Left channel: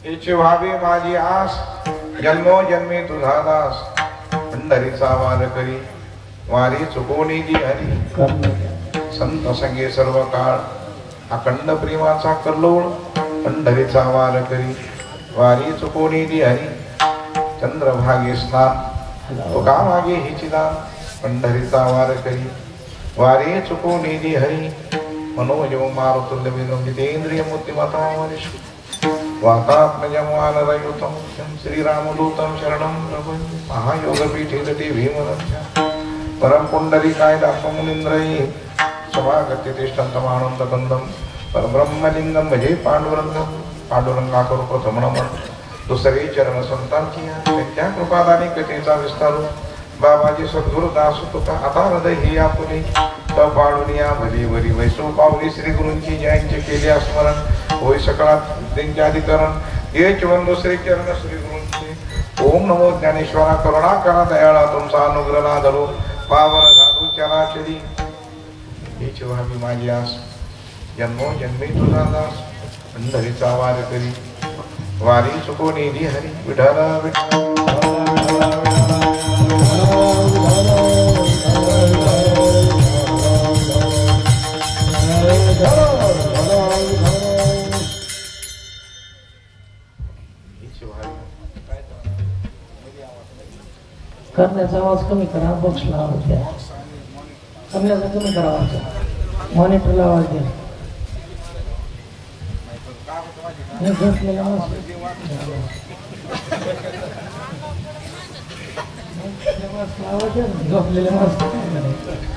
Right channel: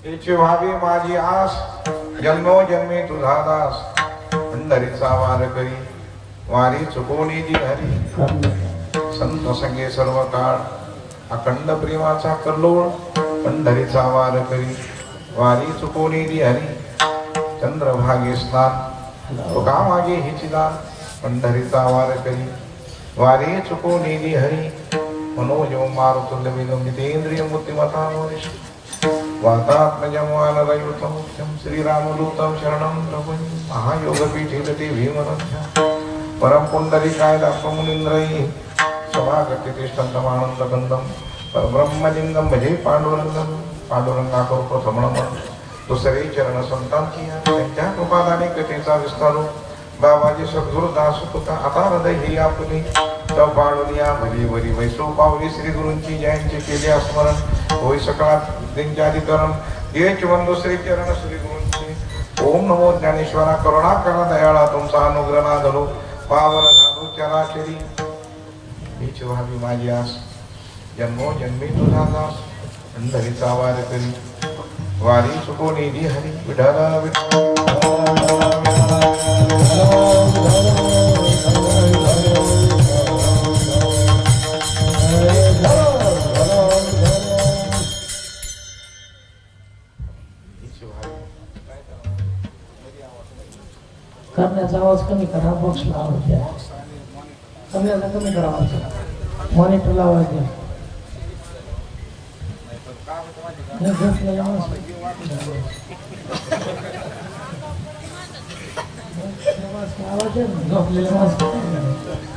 हिची व्हावी माझी आस, जन्मोजन्मी तुझा दास, पंढरीचा वार करी वारी चुकवणी जी हरी. संत संगे सर्व काळ अखंड प्रेमाचा कल्लोळ, पंढरीचा वार करी वारी चुकवणी जी हरी. चंद्रभागी स्नान तुका मागे हिची दान, पंढरीचा वार करी वारी चुकवणी जी हरी. मनोजव मारुतुल्य विलंबितेंद्रिय मूर्तिमता वरिष्ठ वातात्मजमानरयुतं श्रीरामदूतं शरणं नमामि. महायोगपीठे भीमरथ्या परम पुंडरीकायदापमुनीन्द्रैः स्वागते तिष्ठन्तमानन्दकन्दं परब्रह्मलिंगं भजे पांडुरंगं. पांडुरंगाकर प्रथम नमन दुसरे चरण संतांची त्यांच्या कृपादाने कथेचा विस्तारू. बाबाजी सद्गुरुदास तुका आता हृदय ही आपुले पाडुनिया भली भली वैष्णव पावली श्री गुरूंची जयांचे केले स्मरण. होय सकाळात त्यांच्याधिकरण हेच वंदो श्री चरण श्री गुरूंचे. ओम नमो ज्ञानेश्वरा करुणा करा दयाळा तुमचा अनुग्रह ना धरो पावन झालो चराचरी. हीच व्हावी माझी आस, जन्मो जन्मी तुझा दास, पंढरीचा वार करी वारी चुकवणी दी हरी. विठाला करण्याचा आवाज कमी करा, बॉक्सला आवाज द्या. करण्याचा कमी करा आवाज, मॉनिटरला आवाज द्या.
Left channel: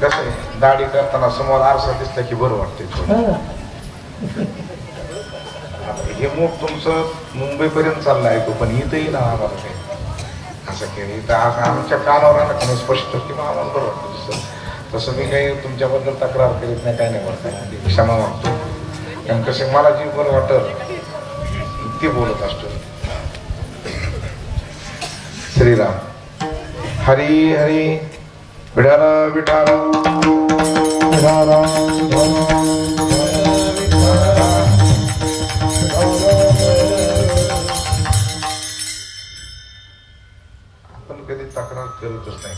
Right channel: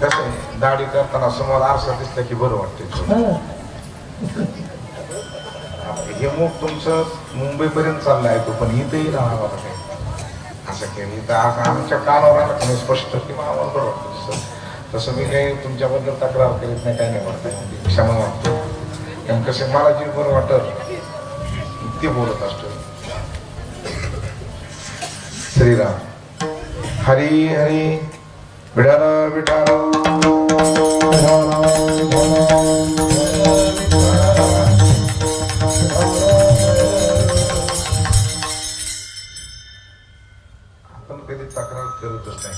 कसं दाढी करताना समोर आरसा दिसला की बरं वाटते. हे मग तुमचं मुंबईपर्यंत चाललं ऐकू, पण इथंही राहा मला असं केलं. इथं आमच्या कानावर आलं की स्पष्ट की मला आम्हाला बरं वाटतं. तसं मी काही तुमच्याबद्दल तक्रार करीत नाही, काय नाही वाटत, क्षमा वाटतो. कारण कसं मला जे बरं वाटत ते बोलत असतो. श्रीराम हरी हरी विठाल विठाल आपण कधी तक्रार करतच नाही.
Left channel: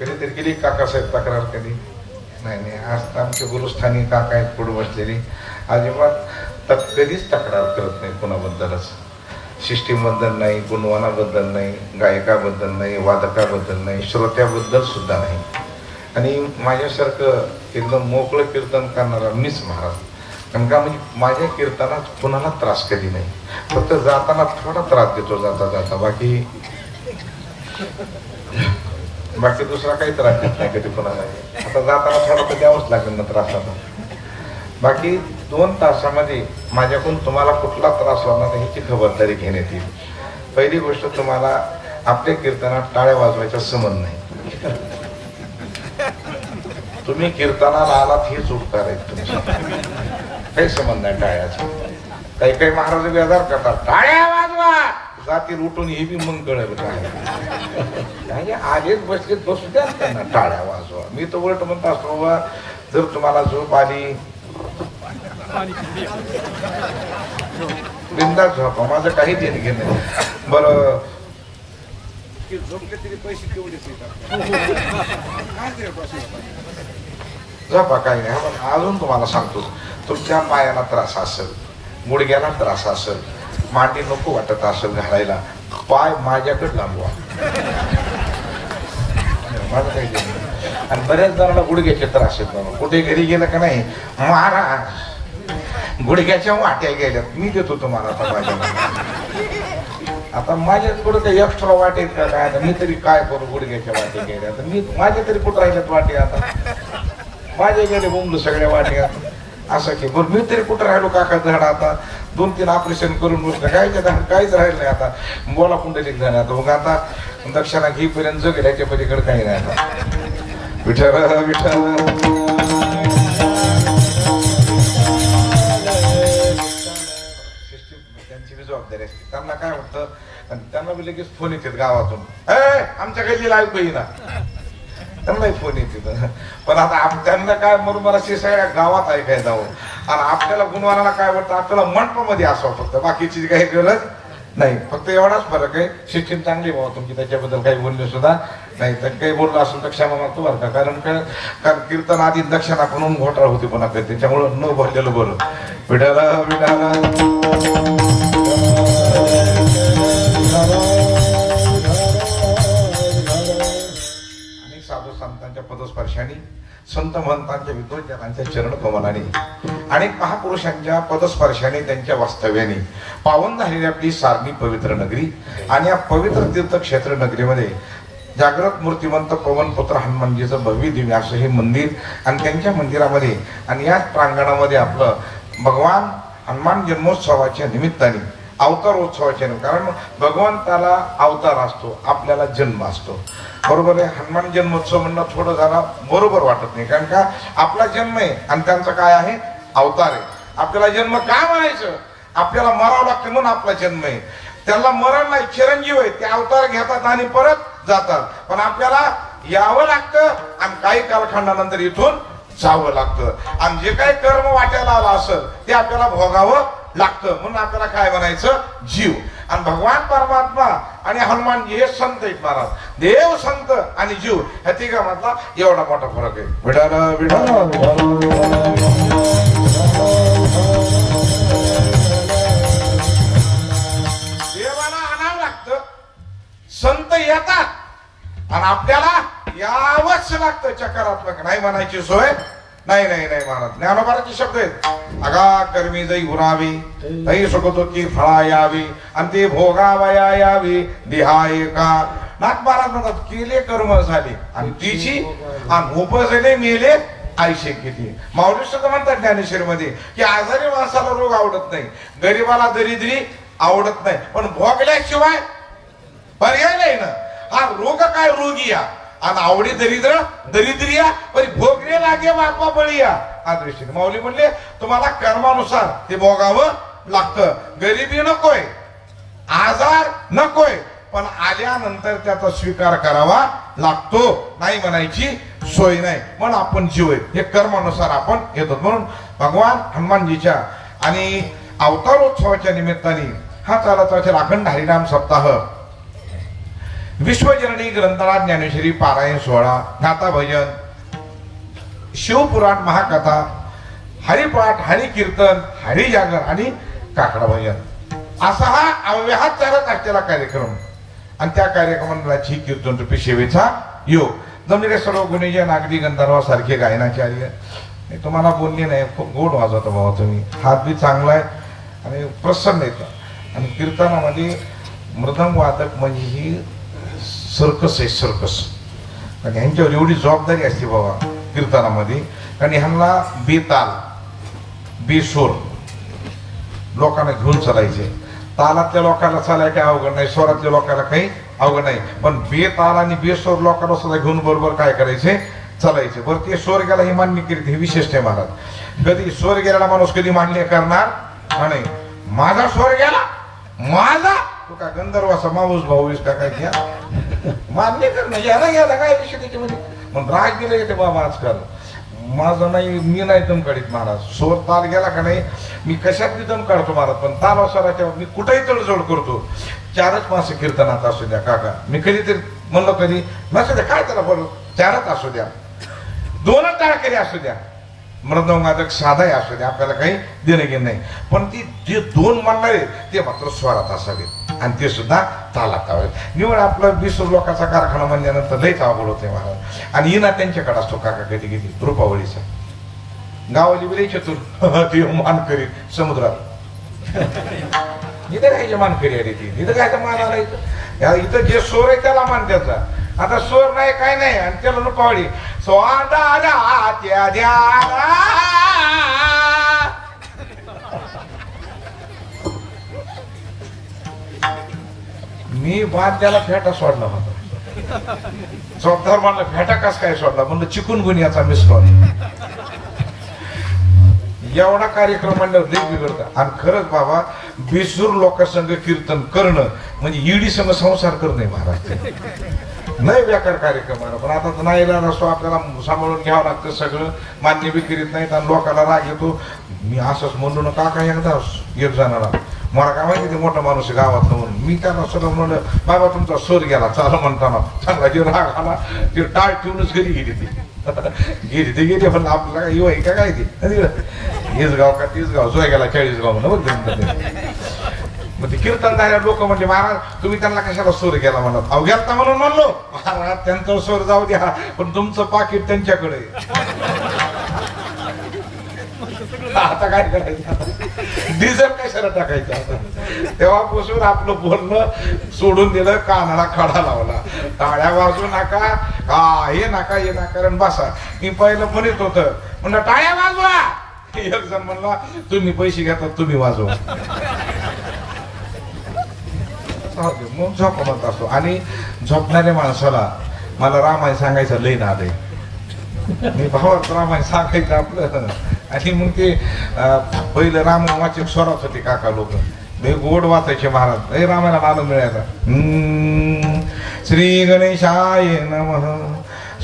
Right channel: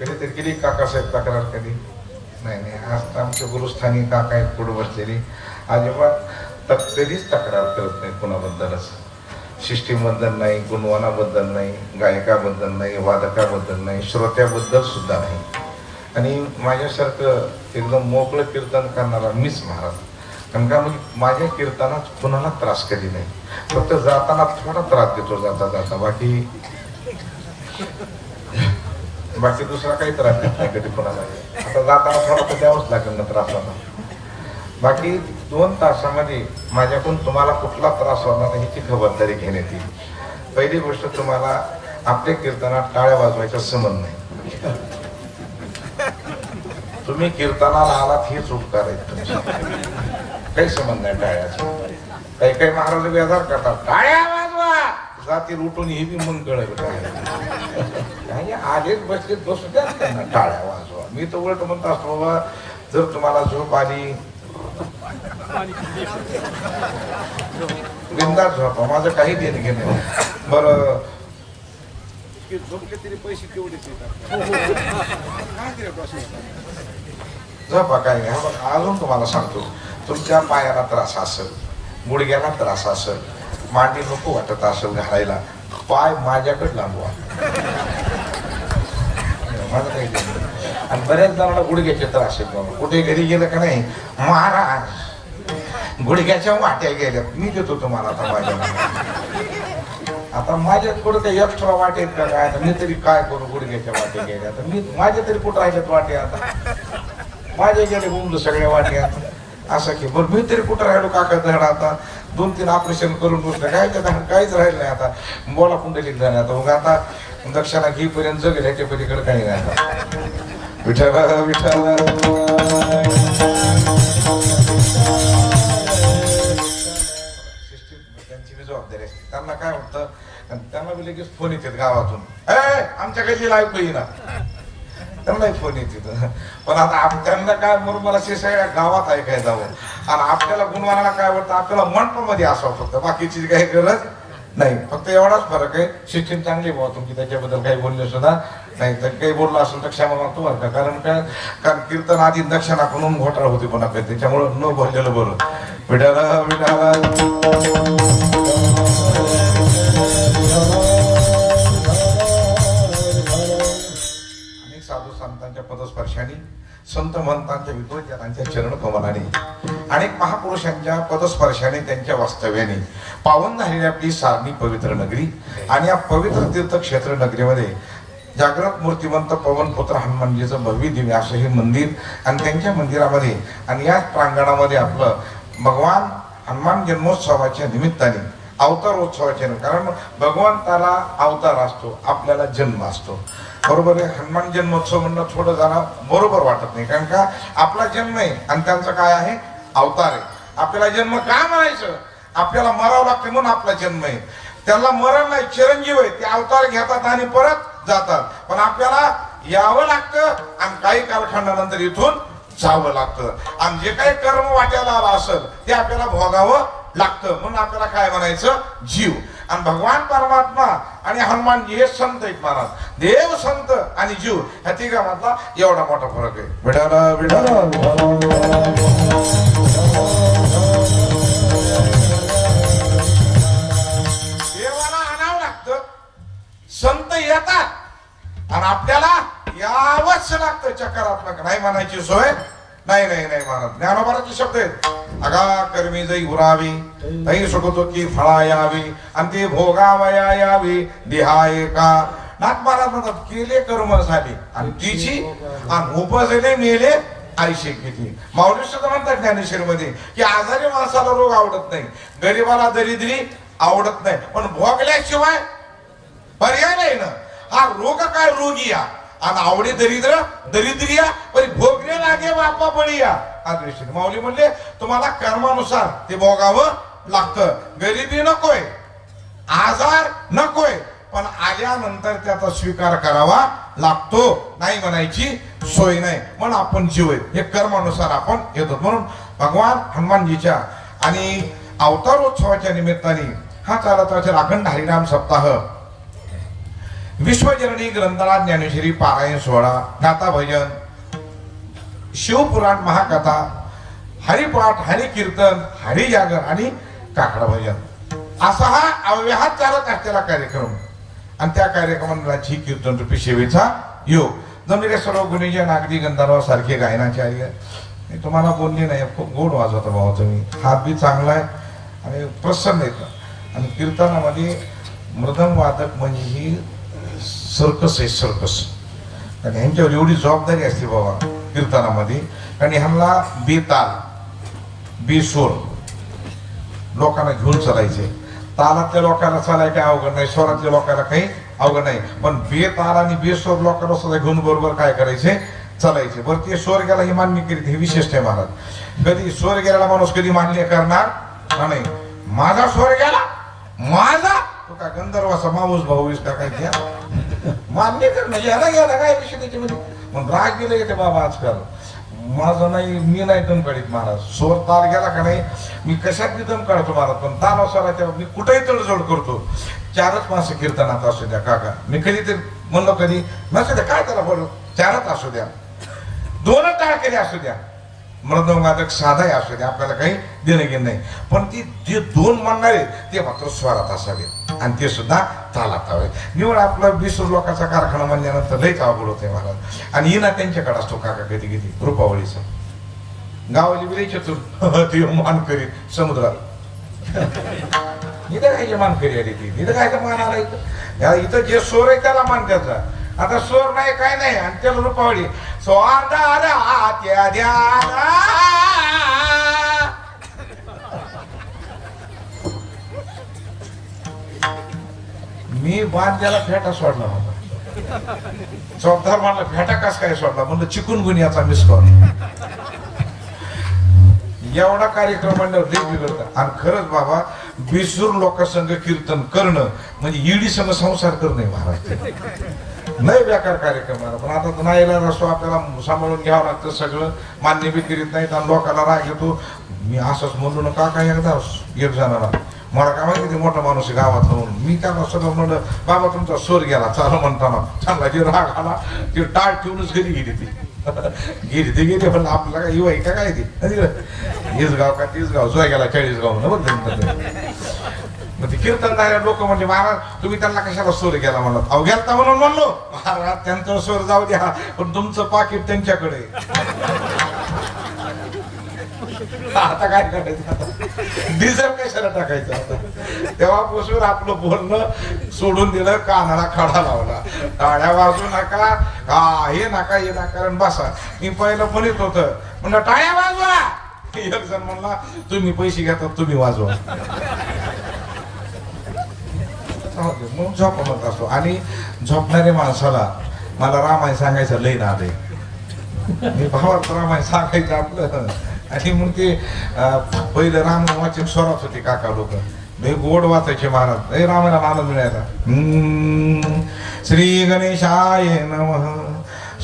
कधीतरी केली काकासाहेब तक्रार कधी नाही. आज तर आमच्या गुरुस्थानी काका आहेत पुढे बसलेली, अजिबात कधीच तक्रार करत नाही कुणाबद्दलच. सिस्टीमबद्दल नाही, गुणवानाबद्दल नाही, गायकाबद्दल नाही, वादकाबद्दल नाही, श्रोत्याबद्दल सुद्धा नाही. आणि माझ्यासारखं एकदम मोकळं कीर्तन करणारा मीच महाराज. कारण का म्हणजे माझ्या कीर्तनात कुणाला त्रास कधी नाही. फक्त जाताना थोडा त्रास देतो जाता जाता, बाकी दुसरा काही त्रास देत नाही कधी कोणाला. आता जाताना थोडा तर द्यावंच लागेल ना त्रास. आता बाकी 2 तासामध्ये माझ्याकडून तुम्हाला कुठला त्रास होणार नाही ह्याची खबरदारी घेण्यात येईल. पहिली गोष्ट, तुम्हाला आपल्या कीर्तनात टाळ्या वाजवायचा संबंध नाही. तुम्ही कीर्तनाला आलात हेच उपकार आहेत तुमचे, काही संबंध नाही टाळ्याचा. काही काही महाराज बेजार करतात, टाळ्या वाजवा जाती लुटून हे बी मग कळेल काय आलेच बसलेत बसू द्या त्यांना टाळ्या वाजवा. मी तर उलट म्हणतो असतो, बाबा जर तुम्हाला झोप आली बिंदास झोपा, माझं काही देणं घेणं. बरं झोपले तरी पैसे तेवढेच झोपा काय नाही. अजून तुम्हाला सांगतो, तुमच्या पायाला त्रास असेल, गुडघ्याला त्रास असेल, मांडी नको वाटत असेल घालायला, पाय माझ्याकडे लांबवा. माझं काही देणं. आणि बऱ्याच जणांना गुडघ्याचे त्रास आहेत बाबा. कुठे घरी गेलं का नाही, महाराज गुडघ्याच्या वाट्या गेल्यात, मी देतो तुम्हाला आता माझ्या. आता माझ्याकडे काही एक्स्ट्रा वाटे आहेत का काय, आता मी तरी काय करू, गुडघ्याच्या वाटे गेल्या तर मी माझ्या तरी कुठं राहिल्यात वाटे, आता माझ्या गेले बोंबलं सगळ्या वाटे आता असं की बरं मी तरी कुठं राहिलो काका धड, आता 2-3 ऑपरेशन करून बसलं काय त्या काहीच राहिलं नाही. आता बोला पुंडलिक झाले, आता मग आता दक्षिणा घेईपर्यंत जग ह्याच्या पलीकडे काही नाही. आता विठ्ठल विठ्ठल त्यांची जबाबदारी असते. त्यांना काय वाटतं, त्यांना बी लगेच फोन येतात गावातून, आमच्या गल्लीला ऐकू येईना, त्यांनाही फोन येते. पण आता त्यांना काय म्हणून मला सगळ्या गावात ऐकायला जावं. आणि आपल्याला गुणवानाला काय वाटतं, आपल्याला मंडपामध्ये असावं फक्त, बाकीची काही गरज नाही. फक्त एवढाच फरक आहे, शिक्षण चांगली व्हावं तुमची, त्याच्याबद्दल काही बोलले सुद्धा नाही. तर काही बोललं असेल तर क्षमा मागतो बरं का, कारण कीर्तन आधी दक्षिणाकडून घोटाळा होती पुन्हा काही, त्याच्यामुळं न बोललेलं बरं. विठाला विठाला अनेक साधू संतांच्या पदस्पर्शाने, संत महंतांच्या विद्वज्जनांच्या चरण कमलाने, अनेक महापुरुषांच्या पदस्पर्शाने, त्यांच्या वास्तव्याने पावन झालेली आपली सारणी पवित्र नगरी. आणि या पवित्र तीर्थक्षेत्र नगरीमध्ये जागृत मूर्तिमंत पवनपुत्र हनुमानजीचं भव्य दिव्य असं हे मंदिर, आणि त्यांच्या मंदिरामध्ये आणि याच प्रांगणामध्ये आपलं भगवान हनुमान जन्मोत्सवाच्या निमित्ताने, अवतारोत्सवाच्या, कारण भगवंताला अवतार असतो, आपल्याला जन्म असतो, बरोबर आहे. हनुमान जन्मोत्सव म्हणणं थोडं जरा बरोबर वाटत नाही, कारण का आपला जन्म आहे आणि त्यांचा काय आहे, अवतार आहे. आपल्याला जन्म काय म्हणायचं, आपल्याला मरावं लागतं म्हणून आपला जन्म आहे. त्याला मरण नाही, चिरंजीव आहे, ते अवतार घेतात आणि परत जातात. पण आपल्याला यावं लागतं आणि काही कालखंडानंतर इथून जावं लागतं. आणि जे काही कर्म वाट्याला आला असेल ते आपल्याला भोगावं लागतं, म्हणून आपल्याला काय म्हणायचं, जीव. आणि भगवान परमात्मा आणि हनुमानजी हे संत आहेत महाराज. देव, संत आणि जीव ह्या तिघांमधला एवढा मोठा फरक आहे. विठाला विठाला देवाला आणावं लागतं, संत येतात आणि आपल्याला यावंच लागतं. चक्रात्मक नाही म्हणायची सोय नाही. नाही नाही महाराज, ज्ञानोबाराचे शब्द आहेत, अगा कर्मी जै उरावी, तै सुखतोची फळा यावी, आणि ते भोगावया यावी देहाय का. नाथ महाराज म्हणतात, केले कर्म झाले आणि तिची, आणि उपजले मेले आयुष्य किती. माऊली सुद्धा म्हणतात ज्ञानेश्वरीमध्ये की आजारी माणसाला रोग आवडत नाही, गरीबाला दरिद्री आवडत नाही, पण भोगल्याशिवाय पर्याय नाही ना. हा रोग काय रोगिया आणि आवडी दरिद्र दरिद्रिया, पण भोगले लागे बापा बळीया. हा दृष्टीने माऊली म्हणले तुम्हाला कर्मानुसार ते भोगावं लागतं. गरिबी नकोय, आजार नकोय, पण आल्यानंतर त्याचा स्वीकार करावा लागतो, नाही म्हणायची सोय नाही. म्हणून आपण जीव आहे, हे कर्मानुसार आपण येतो. म्हणून भगवान हनुमानजीच्या आणि अवतारोत्सवाच्या निमित्ताने हा चालत असेल अखंड हरिनाम सप्ताह, विश्वजननी ग्रंथराज ज्ञानेश्वरी पारायण सोहळा, गाथा भजन, शिवपुराण, महाकथा, हरिपाठ, हरिकीर्तन, हरिजागर आणि काकडा भजन असा हा अव्याहत चालत असलेला कार्यक्रम. आणि त्या कार्यक्रमाची कीर्तन रूपी सेवेचा योग. जमलेले सर्व गुणीजन, अगदी गंधर्व सारखे गायनाचार्य, मी तुम्हाला बोलली नाही, खूप गोड वाजवता भाऊ तुम्ही, हात बी चांगला आहे आणि प्रसन्न येतं. आणि कीर्तनामध्ये मृदंग वादक म्हणजे ही सर्कस आहे, सर्कस. आणि ह्यांच्यावर एवढी जबाबदारी असते बाबा कीर्तनामध्ये, कारण ह्यांना बेताल बेसूर लोकांना घेऊन चालायचे. तालातल्या लोकांना चालाय काही अवघड नाही, स्वरातल्या लोकांना काही अवघड नाही, पण बेताल आणि बेसूर लोकांना सुद्धा घेऊन बरोबर काय करायचे, चालायचे. बरं ते स्वर गेला ही मान्य केली, हे विशेष आहे महाराज. कधी स्वर गेलेला माणूस कधी मान्य करणार नाही. माझा स्वर गेला, माझा तू का गंधर्वाचा माऊस भाऊस का काय घ्या मान्य कर म्हणजे ह्याला गेला काय विषय त्याच्यामध्ये. पण राग गेले येते बाबा आजकाल, माझं नाही, मी नाही दम काढीत महाराज. स्वर ताल गेला का नाही, मी कशात मी दम काढतो महाराज, पण ताल स्वराच्या मी कुठेही तडजोड करतो. 4च मासे कीर्तनात असू द्या काका, मी कधीतरी म्हणलं कधी नसू द्या, काय त्याला बोलू, 4च असू द्या, 2च टाळकरी असू द्या, मृदंगवादक साधाही असू द्या, आपल्याला काही देणं घेणं नाही, पण ती जे 2 म्हणणारे ते मात्र स्वरात असावे. आणि ते सुद्धा चालत हवे. निवड आपला 20 लोकांचा कारखाना म्हणल्यानंतर लयच अवघड होते महाराज. आणि हिना त्यांच्याकडे असतो काका कधी कधी रुपावळीचा गावाली बिले चतुर ते मान करीत समुद्रात इथं काय मान करी आली ती इथं काय मान आला इथं जे सोर आहे त्याला मान त्याचा. आता सोर नाही काय नाही आणि त्याला रुपावळी सोंडाऱ्या त्या ध्याना. मी बाद त्याला फेटा सोडला होता. चौकदार म्हणला फेटा कस काय सोडला म्हणजे चिकून गुन्ह्याचा मिस कॉल. एवढा कार्यक्रम म्हणल्यावर लई बिघडतं. आणि खरंच बाबा बिसूर लोकांसंग कीर्तन करणं म्हणजे ईडी संग संसार करणे महाराज. नाही बेकार कार्यक्रम आहे. पण आता नाही असतो आपल्याला सांभाळून घ्यावं लागतं. सगळं मान्य बी करीत नाहीत आणि लोकांना राग येतो. मी असंच म्हणलो ना काका एकदा एक जणाला मला काय माहिती ते मोठा माणूस आहे गावात म्हणून मी त्याला स्वतः म्हणलं बाबा तुमचा सोर गेला चालू म्हणताना चांगला जे राग आला ते टाळ ठेवूनच घरी गेली ती गेली पण आपल्याला काय येऊ आहे का काय ते हेच गाव का तेच गाव जो गेला 40 गाव मग ते कीर्तन झाल्या लोक म्हणजे महाराज तुम्ही त्यांना कशाला सोर गेला म्हणत. अहो गेलता म्हणून म्हणलो महाराज त्यांचा सोर जाऊ द्या पण तुमचं पाकिट त्यांच्याकडे. आता काय करायचं डिझेल कशाला टाकायचं. आता तेव्हापासून आपलं बोलणं सोडून दिलं. कानाला खडा लावला टाळ्या वाजू नका हे नका हे नका बसा. मी पहिलं म्हणत होत म्हणलं टाळ्या वाजवा. एक जण म्हणला तुम्ही पैसे घेतात तुम्ही वाजवा. मग झोप म्हणत असतो. आणि झोपणाऱ्या माणसाला मला रामायण सांगायचं लई नाद आहे. मी भावात रामायण सांगायचं आपलं. आणि मग ते पहिलं रामायण वाचिक स्वरात होते काका लोक लय गोड वाचायचे महाराज. लय रामायणाला आनंद मिळायचा. श्री गणेशाय नमः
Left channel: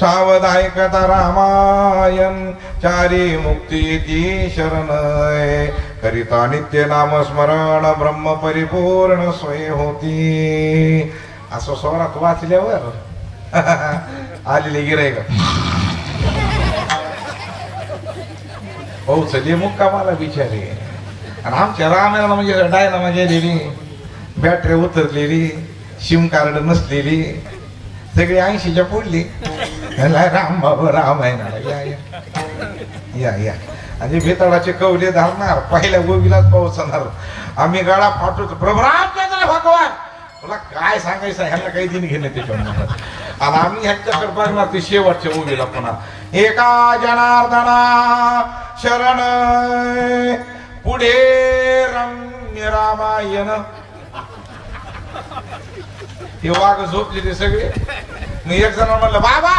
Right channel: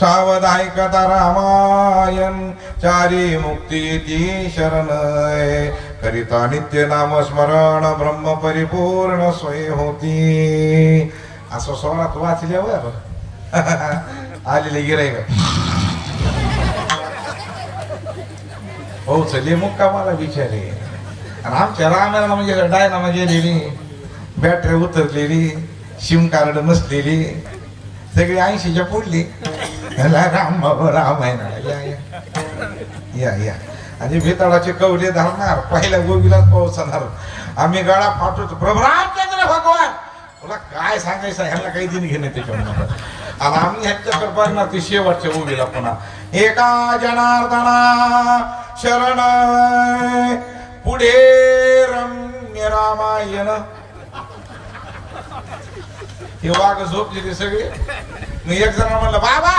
सावधायकता रामायण चारी मुक्ती शरणय करिता नित्य नाम स्मरण ब्रह्म परिपूर्ण स्वय होती. असं स्वरात वाचल्यावर आलेले गिराईक हो चले मुक्कामाला बिचारे. आणि आमच्या रामायणाला म्हणजे डायनामा गेलेली बॅटरी उतरलेली सिम कार्ड नसलेली सगळी 80च्या पुढली. राम बाबा रामायणाला या या या आणि भेताळाचे कवले धरणार पहिल्या गोबीलाच पोहोचणार. आम्ही गाळा फाटतो प्रभू रामचंद्र भगवान तुला काय सांगायचं ह्यांना काही दिन घेणे त्याच्यावर. आणि आम्ही ह्यांच्याकडे बघणार ती शेवटच्या उभीला पुन्हा एका जनार्दना शरण पुढे रम्य रामायण. हे वाघ झोपलेले सगळे. मी एक जण म्हणलं बाबा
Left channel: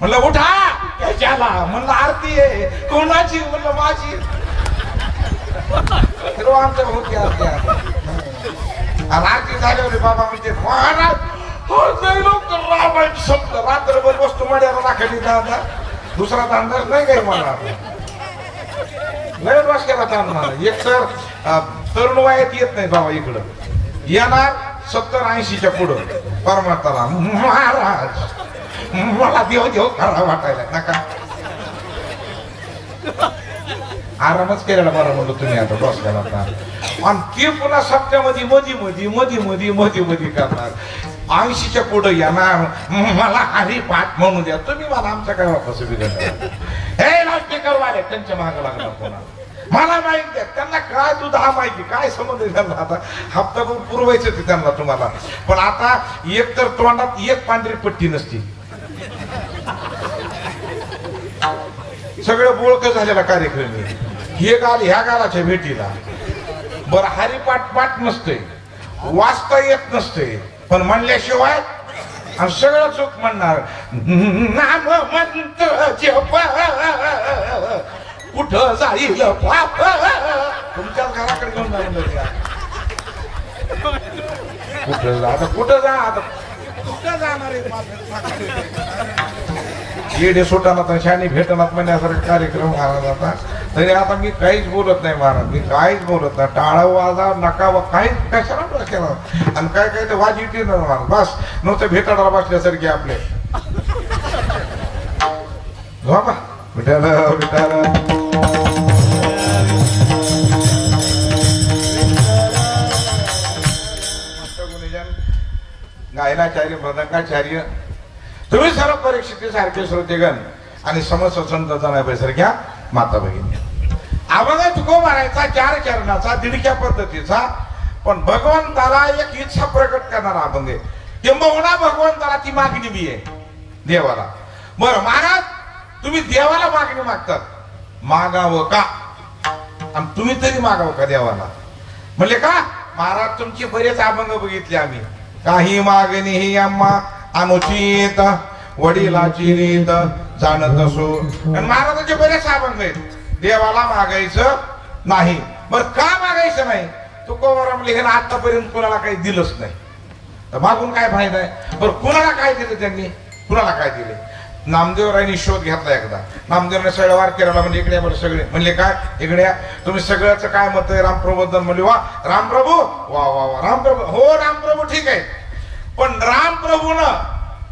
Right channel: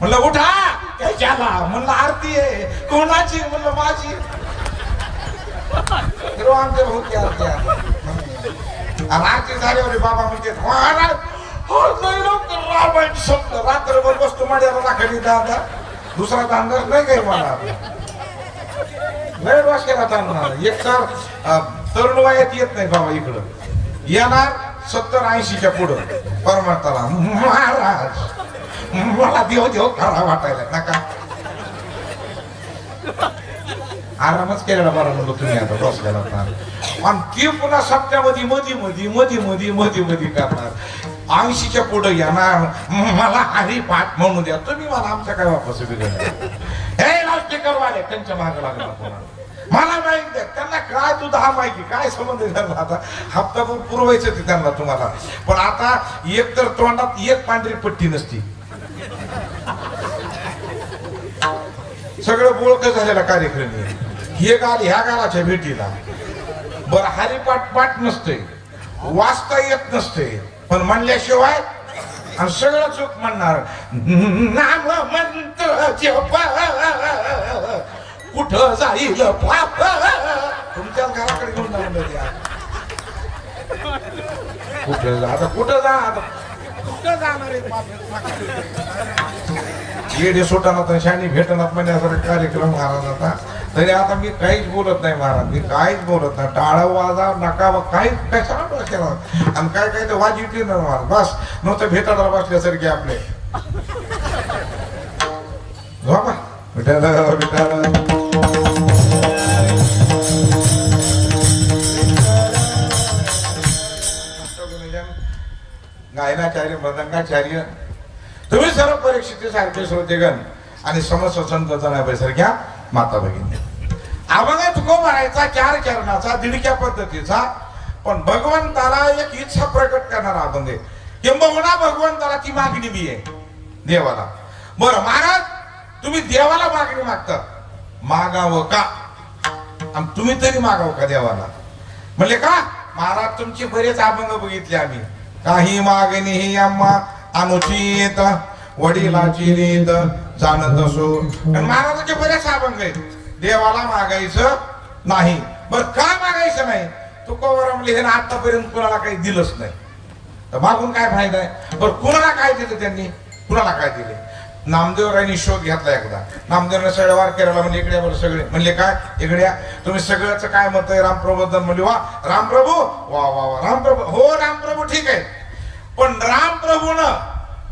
म्हणलं उठा त्याच्याला म्हणलं आरती आहे कोणाची म्हणलं माझी. आमच्या होती आरती आणि आरती झाली होती. बाबा म्हणते महाराज रामायण संपलं. रात्रभर वस्तू मड्याला राखायची दादा दुसरा तांदाच नाही काही मला. लय बस केला ताण मला. एक तर तरुण वयात येत नाही बाबा इकडं येणार 70-80च्या पुढं परमार्थाला महाराज मला देव देव खरा वाटायला नका. आरामच केलेला बरं म्हणलं तुम्ही आता बस केला. आणि ते पुन्हा सप्त्यामध्ये मध्ये करणार 80च्या पुढे येणार मला हरिपाठ म्हणू द्या तुम्ही. मला आमच्या काय वापस बिघडणार हे नास्तिकर वाले त्यांच्या मागे लागणार पुन्हा. मला माहिती द्या त्यांना काय तू 10 माहिती काय संबंध त्यांना. आता हप्ताभर पुरवायचं ते त्यांना तुम्हाला. पण आता एक तर तोंडात एक पांढरी पट्टी नसती. सगळं बोळकं झालेला कार्यक्रम हे गाल ह्या गालाच्या भेटीला. बरं हरिपाठ पाठ नसते वाचता येत नसते पण म्हणल्याशिवाय आणि सगळं चूक म्हणणार. नाम मंत्र जप कुठं जाईल पाप तुमच्याच घराकडे घेऊन जाणार. कुठं जा आता कुठं जा आता कुठं जाणार आहे. येडे सुटाना तर शानी भेटणार म्हणण्यासारखा कार्यक्रम महाराज. आता तरी आता मी काहीच बोलत नाही महाराज. मी काहीच बोलत नाही. टाळा वाजा नका काहीच कशाला बसला. आणि काय काय ते वाज येते ना महाराज बस नुसतं भेटायला बसल्यासारखे आपले बाबा भेटायला वीणाचार्य मृदंगाचार्य तुम्ही सर्व परीक्षितीसारखे श्रोतेगण आणि समस्त संत जनाबाईसारख्या माता भगिनी अभंग तुको मारायचा 4 चरणाचा दिडक्या पद्धतीचा पण भगवंताला एक इच्छा प्रकट करणारा अभंग आहे किंबहुना भगवंताला ती मागणी बी आहे देवाला बरं महाराज तुम्ही देवाला मागणी मागतात मागावं का आणि तुम्ही तरी मागावं का देवाला म्हणले का महाराज तुमचे बरेच अभंग बघितले आम्ही काही मागणी ही आम्हा अनुचित वडिलाची रीत जाणत असो आणि महाराजांचे बरेच अभंग आहेत देवाला मागायचं नाही बर का मागायचं नाही तुकोबाराम लिहिणं आतापर्यंत कुणाला काही दिलंच नाही तर मागून काय फायदा आहे बरं कुणाला काय दिलं त्यांनी कुणाला काय दिले नामदेवरायांनी शोध घेतला एकदा नामदेवराने सगळ्या वार केला म्हणजे इकडे बरं सगळे म्हणले काय इकडे तुम्ही सगळ्याच काय मत आहे रामप्रभूबद्दल म्हणले वा रामप्रभू वा वा वा रामप्रभू हो रामप्रभू ठीक आहे पण रामप्रभूनं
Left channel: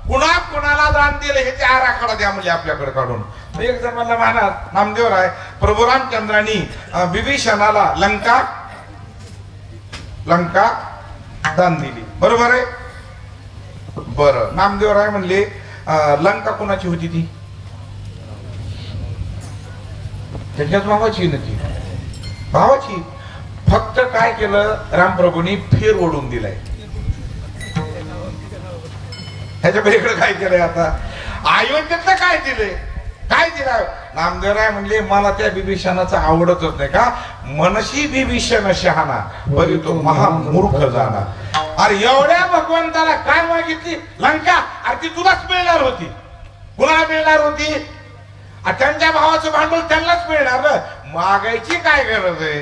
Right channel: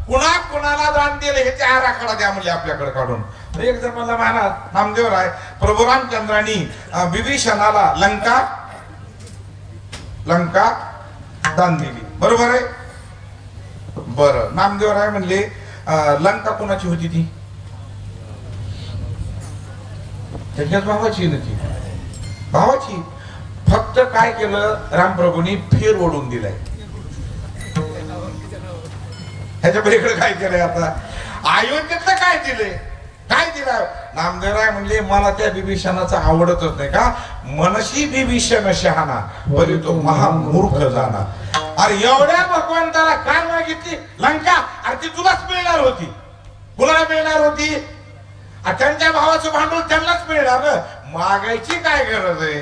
कुणा कुणाला दान दिले ह्याचे आराखडा द्या म्हणजे आपल्याकडे काढून एक जण म्हणला महाराज नामदेवराय प्रभू रामचंद्रांनी विभीषणाला लंका दान दिली बरोबर आहे बरं नामदेवराय म्हणले लंका कोणाची होती ती त्याच्याच भावाची नक्की भावाची फक्त काय केलं रामप्रभूंनी फेर ओढून दिलाय ह्याच्या पलीकडे काय केलंय आता अयोध्येतलं काय दिलं नामदेवराय म्हणजे मला त्या बिभीषणाचं आवडतच नाही का मनशी बिभीषण शहाणा बरी तो महामूर्ख जाणा अरे एवढ्या भगवंताला काय मागितली लंका अरे ती तुलाच मिळणार होती कुणाला मिळणार होती त्यांच्या भावाचं भांडवल त्यांनाच मिळणार मागायची काय गरज आहे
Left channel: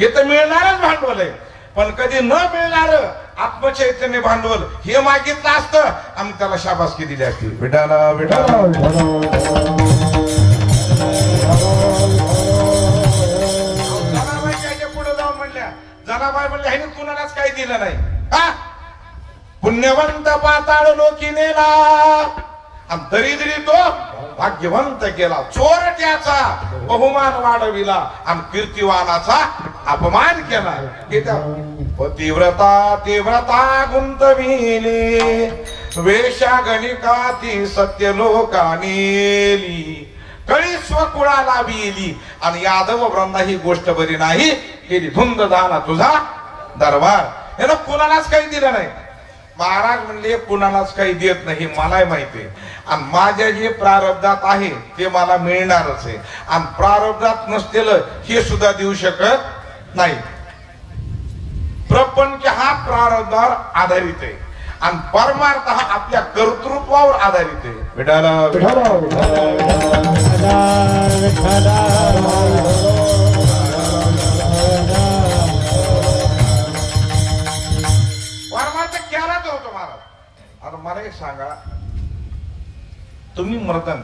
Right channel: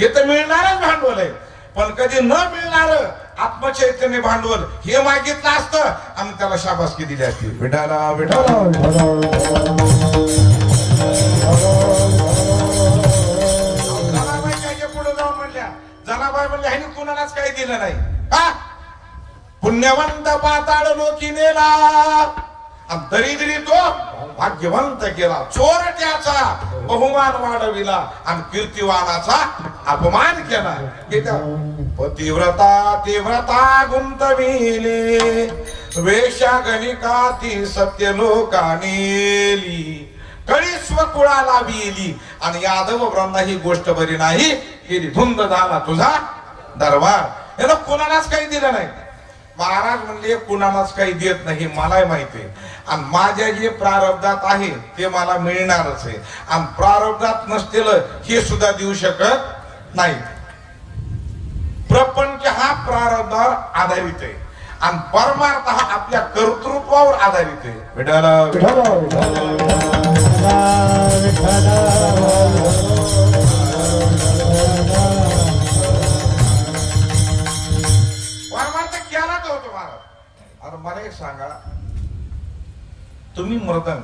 हे तर मिळणारच भांडवल आहे पण कधी न मिळणार आत्मचैतन्य भांडवल हे मागितलं असतं आणि त्याला शाबासकी दिली असती विठाला विठाला पुढे जाऊन म्हणल्या जनाबाई म्हणल्या ह्याने कुणालाच काही दिलं नाही हा पुण्यवंत पाताळ लोकी नेला दरिद्री तो भाग्यवंत केला चोरट्याचा बहुमान वाढविला आणि कीर्तिवानाचा अपमान केला तीव्रता गुंतविली वेशा गणिका ती सत्य लोकानेली कळी स्वकुळाला विली आणि यादव वृंदा ही गोष्ट बरी नाही केली धुंद झाला तुझा दरबार यानं कुणालाच काही दिलं नाही महाराज म्हणले कुणालाच काही देत नाही मलाही माहिती आहे आणि माझ्या जे प्रारब्धात आहे ते मला मिळणारच आहे आणि प्रारब्धात नसलेलं हे सुद्धा देऊ शकत नाही प्रपंच हा प्रारब्धावर आधारित आहे आणि परमार्थ हा आपल्या कर्तृत्वावर आधारित आहे मला एक सांगा तुम्ही मृदंग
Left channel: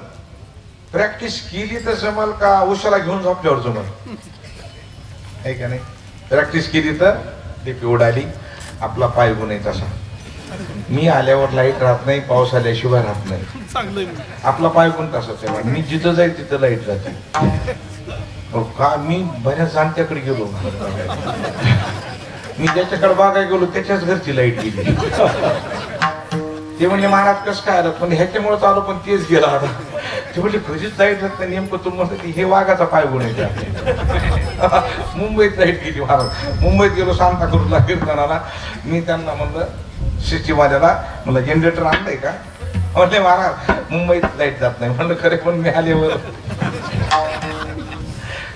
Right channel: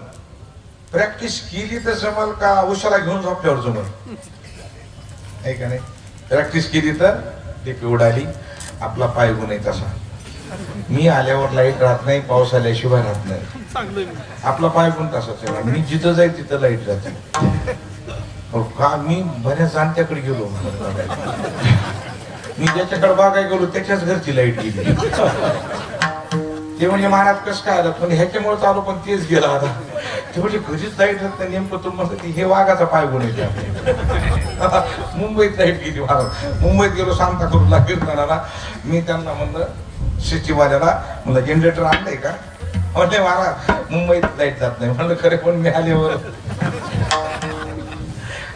प्रॅक्टिस केली तर जमल का उशाला घेऊन झोपल्यावर जमल आहे का नाही प्रॅक्टिस केली तर ते उडाली आपला पाय गुण तसा मी आल्यावर लाईट राहत नाही पाऊस आल्याशिवाय राहत नाही आपला पाय गुण तसाच आहे मी जिथं जाईल तिथं लाईट जाते का मी बऱ्याच जाणत्याकडे गेलो मी ज्याच्याकडे बघायला गेलो त्याच्याच घरची लाईट गेली ते म्हणजे महाराज कसं काय आलं पण ह्याच्यामुळे चालू पण तेच गेला आता ते म्हणजे कधीच लाईट जात नाही नेमकं तुम्हाला हे वाघाचा पाय गुन्हे मुंबईत लाईट गेली महाराज मुंबईत गेलो सांताक्रूजला कीर्तनाला मी त्यांना म्हणलं सिटीवाल्याला म्हणलं जनरेटर आणलंय का म्हणले महाराज मुंबईत लाईट जात नाही म्हणलं खरे पण मी आल्यावर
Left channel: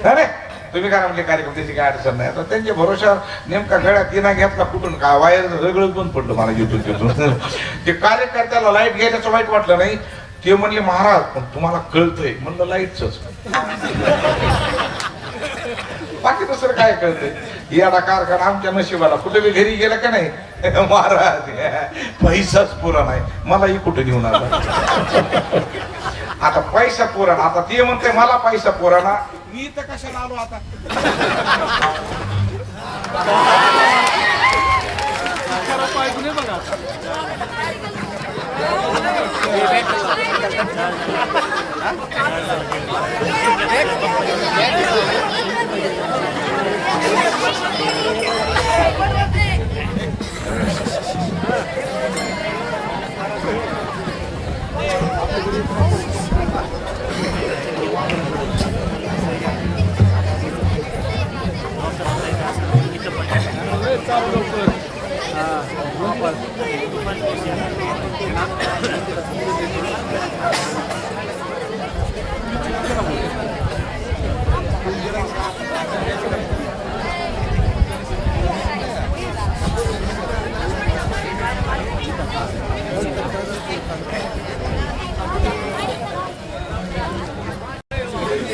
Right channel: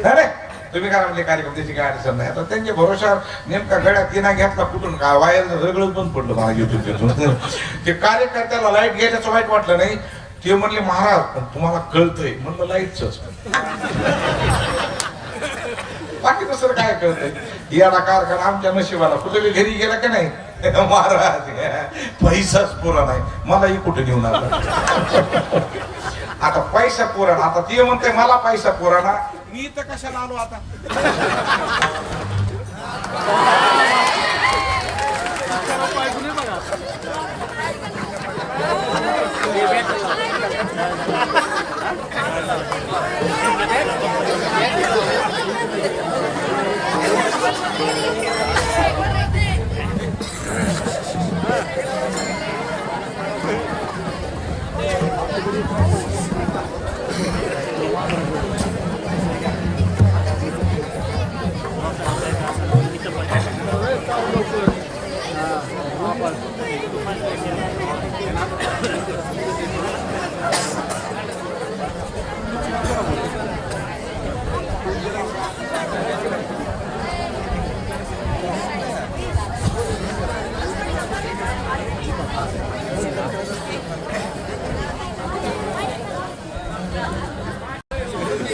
अरे तुम्ही काय म्हणजे कार्यक्रम त्याची काय अडचण नाही आता त्यांच्या भरोशावर नेमका गळ्यात तिना घेतला कुठून का वायर सगळंच बंद पडलं मला घेतून ते कार्यकर्त्याला लाईट घ्यायचं वाईट वाटलं नाही ते म्हणले महाराज पण तुम्हाला कळतंय म्हणलं लाईटच बाकी दुसरं काय कळतंय याला कारखाना आमच्या नशिबाला कुठे बी घरी गेला की नाही महाराज पैसाच पुरा नाही मलाही कुठे घेऊन आला आता पैसा पुराणा आता ते म्हणते मला पैसा पुराणा मी तर कशाला आलो आता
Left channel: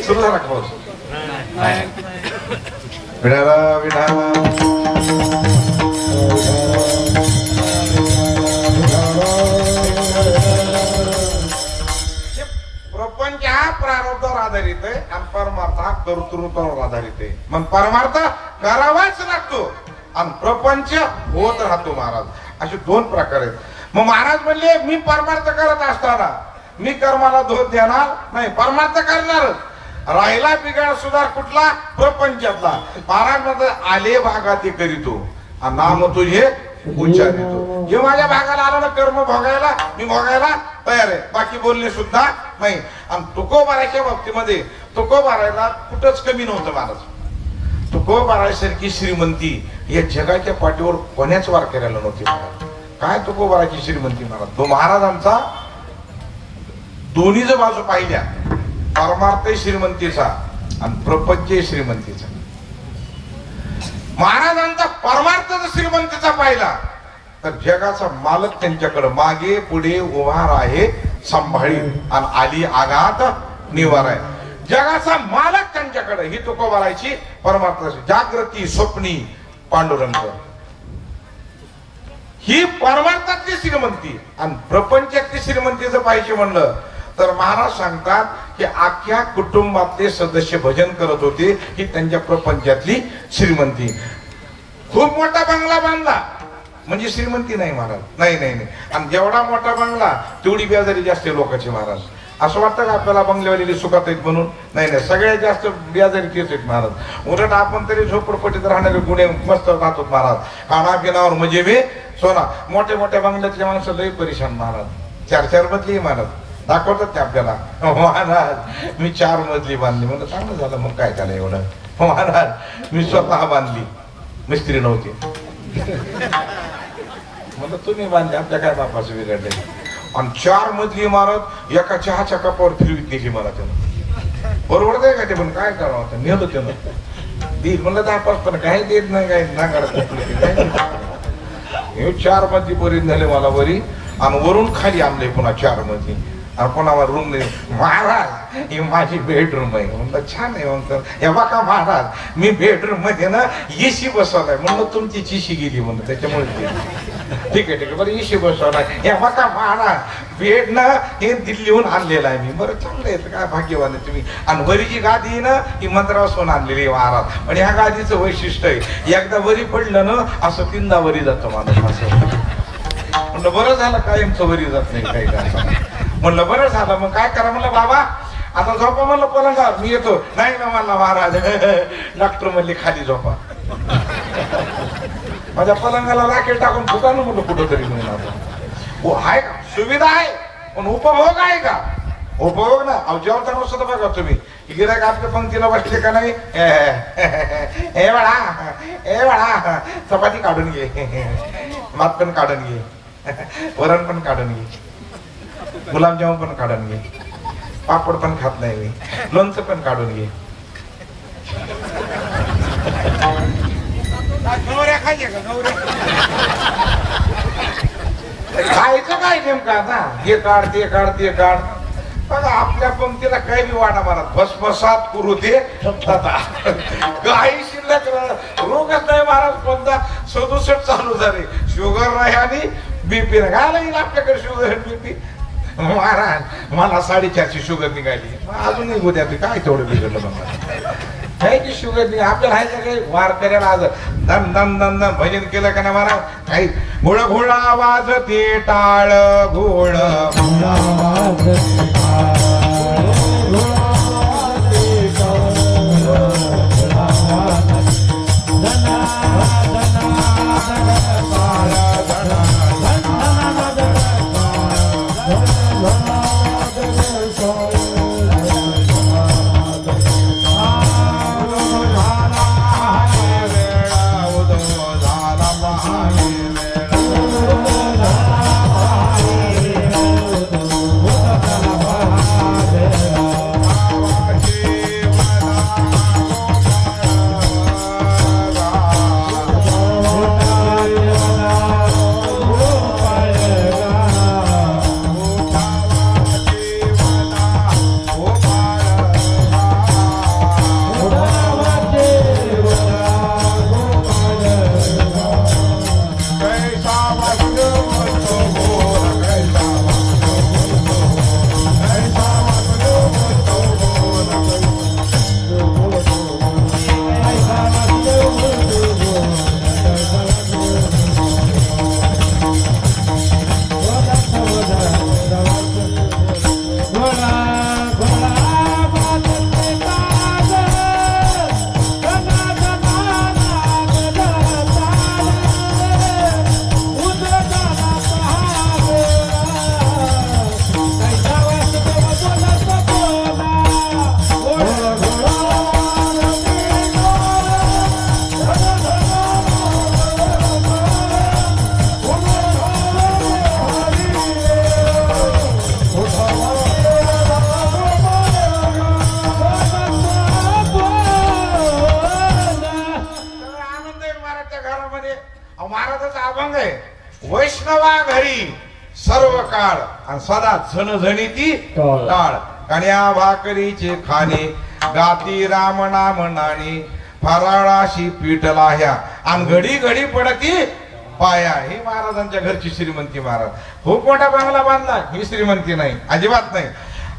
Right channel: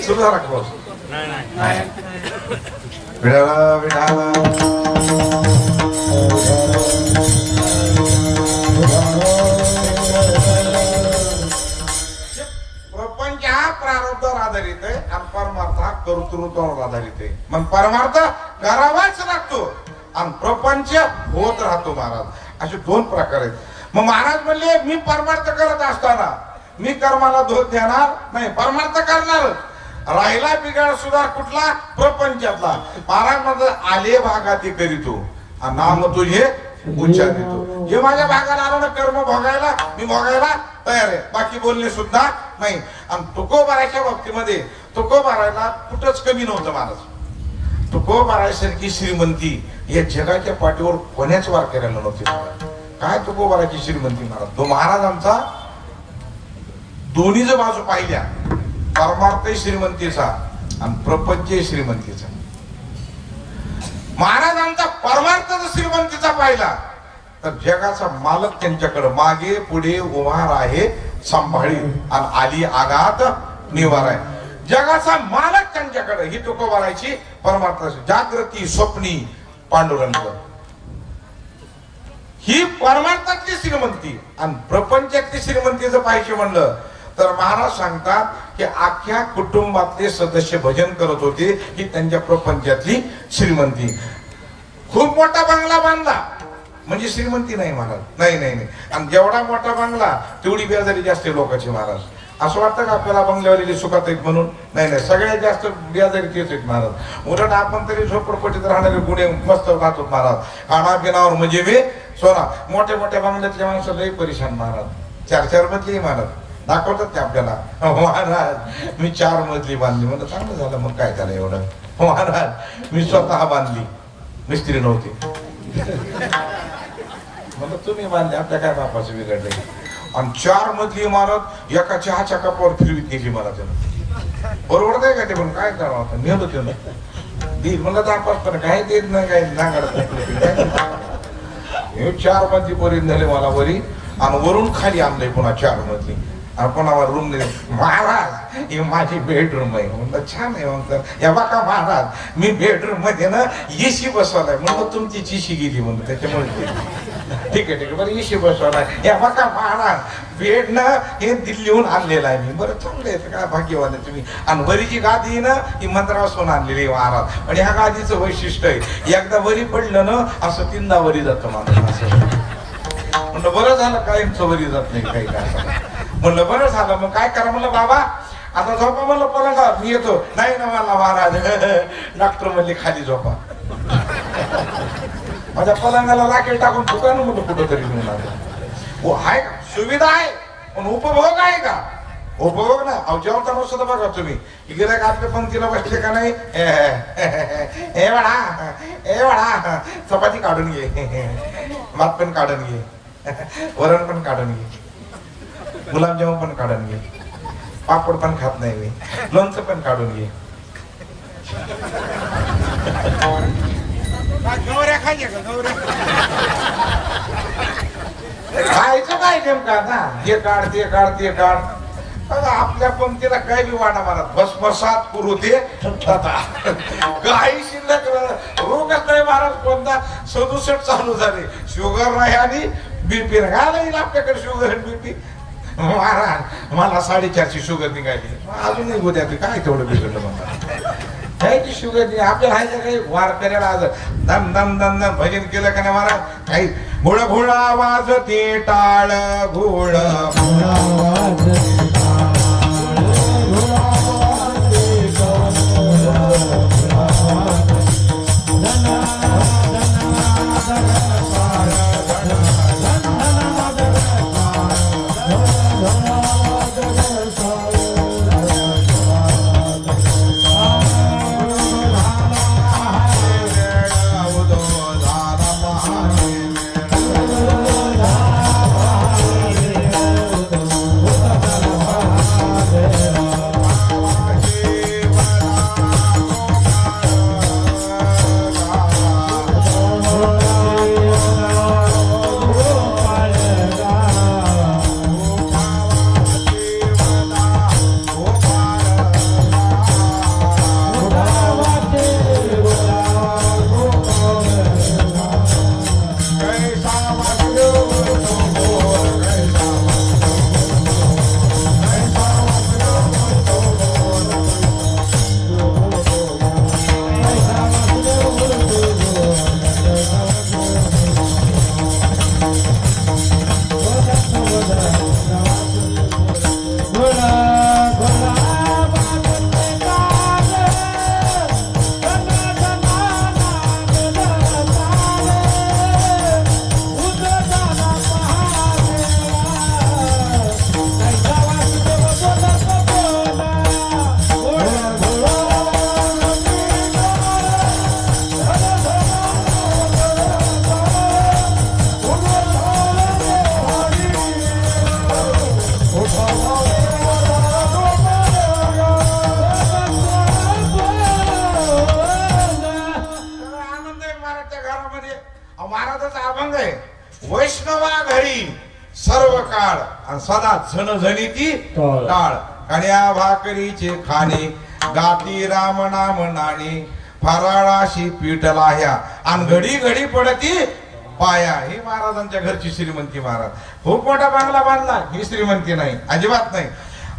सुरू झाला का पाऊस? विडाला विडाला प्रपंच हा प्रारब्धावर आधारित आहे आणि परमार्थ हा कर्तृत्वावर आधारित आहे. मग परमार्थ करावाच लागतो आणि प्रपंच होत राहतो. महाराज असे दोन प्रकार आहेत. मग महाराज म्हणले मी परमार्थ करत असताना मी कर्माला दोष देणार नाही, परमार्थ करणार. राहिला बिघाड सुद्धा कुठला? प्रपंचातला. महाराज मध्ये आले भागाती करीतो आणि नाम तुझे उच्चारितो. हे माझ्या भागाला आलं ना कर्म भोगायला, मी भोगायला तयार आहे, बाकी बोलणे सुद्धा नाही. आणि तुकोबाराच्या बाबतीमध्ये तुकोबारायला कुठंच कमी नव्हतं महाराज. तुकोबारासारखी श्रीमंती या जगाच्या पाठीवर कोण्याच वारकऱ्याला नव्हती. काय तुकोबाराची श्रीमंती महाराज. तो महाराजांचा दोन्ही जर बाजू पाहिल्या, परमार्थ श्रीमंतीचा आणि प्रपंच श्रीमंतीचा. महाराजांचा परमार्थ जर श्रीमंतीचा पाहिला तर जगाचा मालक त्यांच्याकडे मागे पुढे उभा आहे सांभाळी आणि आली आघात निवार आहे. जगाचा मालक त्यांच्याकडे. ही तुकोबाराची परमार्थ. जागृती स्वप्नी पांडुरंग ही परमार्थातली श्रीमंती. आणि प्रपंचातली श्रीमंती जर पाहिजे म्हणलं तर महाराज सांगतात की अख्ख्या कुटुंबातले सदस्य भजन करत होते ही त्यांच्या प्रपंचातली श्रीमंती. खूप मोठा बंगला बांधला म्हणजे श्रीमंती नाही महाराज. नाही नाही नाही. आणि जेवढा मोठा बंगला तेवढी बेजारी जास्त लोकांची महाराज. असं वाटतं का आपल्याला बंगल्यावरील सुखात आहेत म्हणून? नाही नाही. सगळ्यात जास्त बेजारी तेच आहेत महाराज. उलट आपण तरी झोपडपट्टीत राहणारे गुन्हे मस्त राहतो महाराज. खाना पिनावर म्हणजे मी सोना. मोठ्या मोठ्या बंगल्यातले माणसं लई परेशान महाराज. 4-4 मजली महाराज दाखवतात ते आपल्याला. महाराज मी 4 मजली बांधली. म्हणलं चांगलं झालं. मग काय त्याला एवढं? महाराज मी स्वतः बांधली, मिस्त्री नव्हती. म्हणलं तुम्ही बांधली, आपल्या काय बापाचं बिघडले. आणि 4 मजली इमारत एका चहाच्या कपावर फिरवीत नेली मला त्यानं. बरोबर आहे का ते? पण काय करावं आता. नेलं त्यानं देईल म्हणलं 10-5 पण काय देत नाही. काय नागाड 4 मजली पर्यंत झाले मला बरी. आणि वरून खाली आणलंय पुन्हा 4 मजली. आपण रूम नाही. महाराज ही माझी बेडरूम आहे. म्हणलं छान आहे. म्हणतात हे बघा महाराज मी बेडरूम मध्ये ना एसी बसवलाय. म्हणलं तुमची चिशी गेली म्हणलं त्याच्यामुळे. ठीक आहे ठीक आहे बरं एसी बसवलाय. हे बघा महाराज बेड ना हे दिल्लीहून आणलेलं आहे मी. बरं चांगलं आहे काय भाग्यवान आहे तुम्ही. आणि वरीची गादी ना ही मद्रासहून आणलेली महाराज. म्हणजे ह्या गादीचं वैशिष्ट्य आहे एकदा वरी पडलं ना असं 3दा वरी जातं माणूस. असं म्हणलं बरं झालं कायमचं वरी जात नाही काही काय. म्हणलं बरं झालं. मग काय करा म्हणलं बाबा आता झोपा म्हणलं पलंगावर. मी येतो. नाही ना म्हणला महाराज डॉक्टर म्हणले खाली झोपा. माझ्या पलंगाला लाकेट टाकून दुकान म्हणलं कुठं तरी नेऊन आलो. हो आहे का सुविधा आहे पण उपभोग आहे का? उपभोग ना. अहो जेवताना सुद्धा बघा तुम्ही गिरायक आपल्या पंक्तीला बसले का नाही. हे बाळा हे बाळा चपाती काढून घे, भात पण काढून घे, वरण पण काढून घे, गुलाबजामुन पण काढून घे, पापड पण खात नाही मी, लोणचं पण काढून घे. गवऱ्या खायच्या का? गवऱ्या खायचं काय नेमकं आता? हे काढ ते काढ ते काढ. बघा आपल्या पंक्तीला काय बी वाटा मारत भसभसात करू ते काही शिल्लक रोगच नाही महाराज. कोणता 67 चालू झाले. शुगर नाही आणि बीपी नाही. काय लागेल आपल्याकडे शुगर बीपी? महाराज मला 450 शुगर निघाली. अजूनही उद्या काय तेवढं बिघडलं म्हणतात. काही शुगर नाही आपल्याला. आहे का काही वार करायला आज दम दम दम दम भजन केलं का नाही महाराज? काही घोळ घोळ आवाज ते टाळ घोळ घरी सर्व काळ आणि सदा झणझणीती टाळ. कण्या भाकरीचे खाणे गाती राम नाम नाणे फराळाशी पीठला ह्या आणि घडी घडी पडती पाया. ही महाराजांच्या घरची श्रीमंती महाराज. खूप मोठा बंगला बांधला, ही श्रीमंती नाही, अजिबात नाही.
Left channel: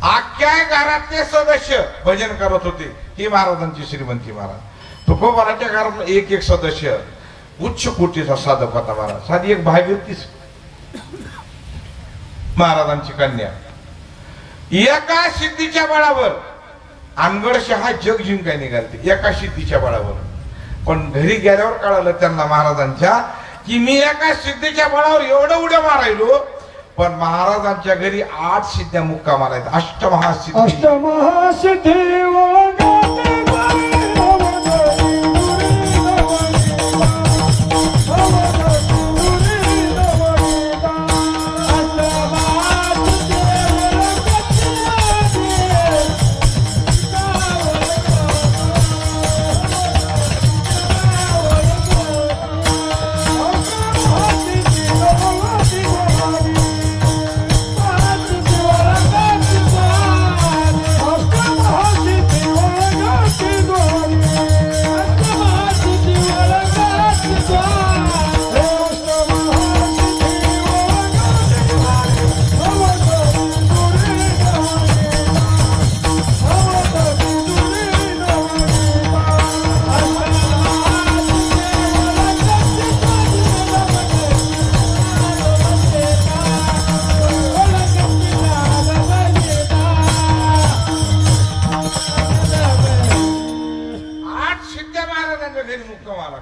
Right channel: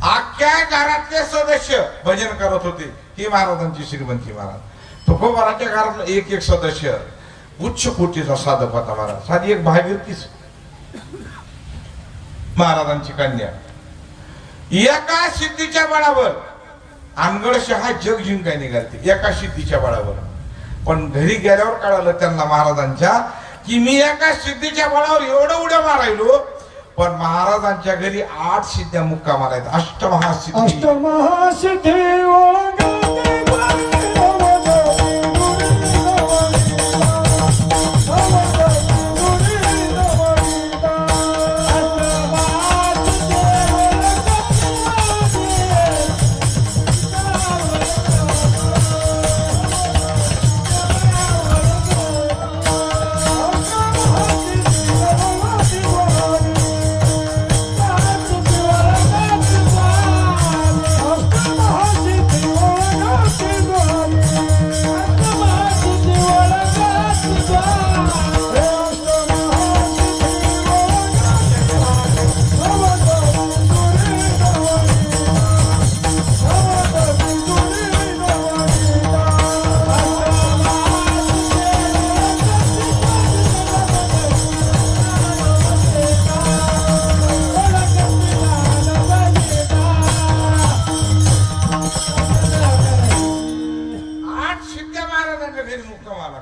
अख्ख्या घरातले सदस्य भजन करत होते, ही महाराजांची श्रीमंती महाराज. तुकोबाराच्या घरातला एक एक सदस्य उच्च कोटीचा साधक होता महाराज. साधी एक भागीरथीच महाराजांची कन्या. एका सिद्धीच्या बळावर अनगडशहा जग जिंकाय निघालते, एका सिद्धीच्या बळावर. पण घरी गेल्यावर कळालं त्यांना महाराजांच्या की मी एका सिद्धीच्या बळावर एवढं उड्या मारायलो, पण महाराजांच्या घरी 8 सिद्ध्या मुक्कामाला आहेत. अष्टमहासिद्धी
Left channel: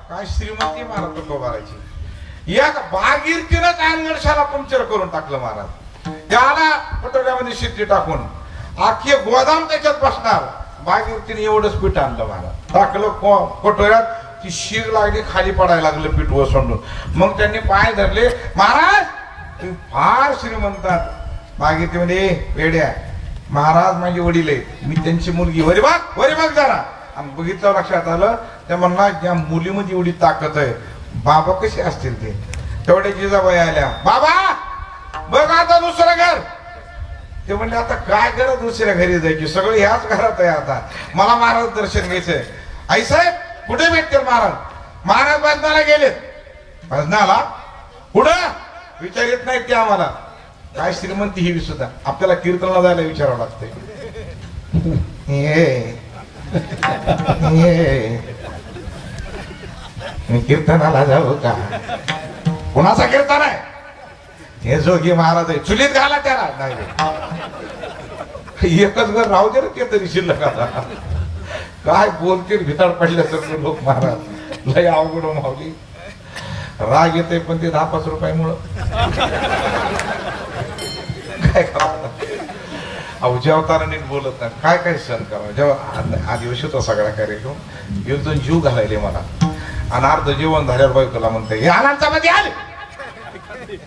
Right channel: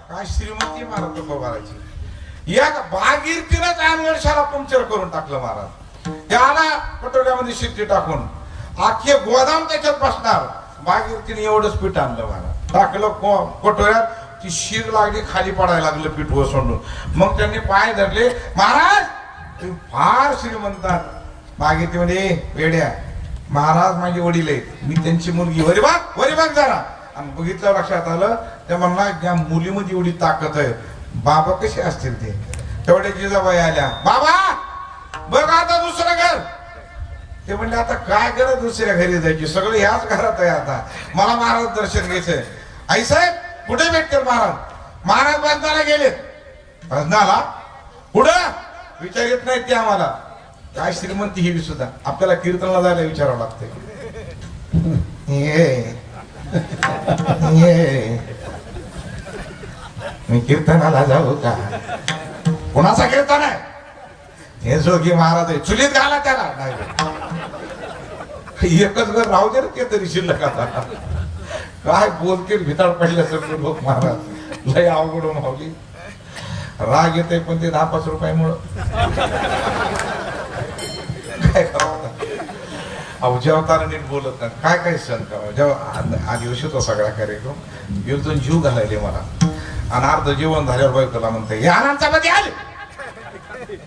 काय श्रीमंती महाराज तुकोबाराची. या भागीरथीनंच अनगडशाला पंक्चर करून टाकलं महाराज. त्याला पटोड्यामध्ये शिट्टी टाकून आखे गोदाम त्याच्यात बसणार. भागीरथीने एवढंच पीठ आणलं महाराज, टाकलं पटोऱ्यात. ती शीग लागली, खाली पडायला लागलं पीठ ओसंडून. मग त्यांनी पाय धरले, महाराज तुम्ही फार श्रीमंतात. भागीरथी म्हणजे वेड्या, महाराज माझे वडील आहेत, मी त्यांची मुलगी. वरी बघ जरा. आणि बघितलं, लक्षात आलं. त्या म्हणला या मुलीमध्ये एवढी ताकद आहे, बाबा कसे असतील ते. तेवढे जिजाबाई आल्या, बाबा बघ आता दुसरं घर. ते म्हणले आता काय करत दुसऱ्या घरी जायची, सगळं ह्याच घरात आहे. आता मला महाराज दर्शन घ्यायचंय. आई साहेब कुठे भेटतील महाराज? महाराज भजनाला गेलेत. भजनाला कुठं विचारित नाहीत ते आम्हाला. काय श्रीमंती ही सुद्धा आपल्याला कीर्तनाला जायला विचारावं लागतंय. मी कीर्तनाला जाऊ का? कोणाचा कीर्तन आहे? हे जोगी महाराज आहे, चुलीत घाला त्याला. नाही एकच घर राहू दे ते तरी शिल्लक. काय बोलतील भिताड पडल्यासारखं लोक महाराज. लय अवघड मावली. राग येते पण ते 10-5 रुपयामुळं काय करावं. अवतार नीट बोलत नाही, काय काय सण करावं. जेव्हा आदिवशी होता सगळा कार्यक्रम, एक जण जीव घालायले मला. आणि अर्ध जेवण झाल्यावर बायकोला म्हणते, हे आलांचा मध्ये आले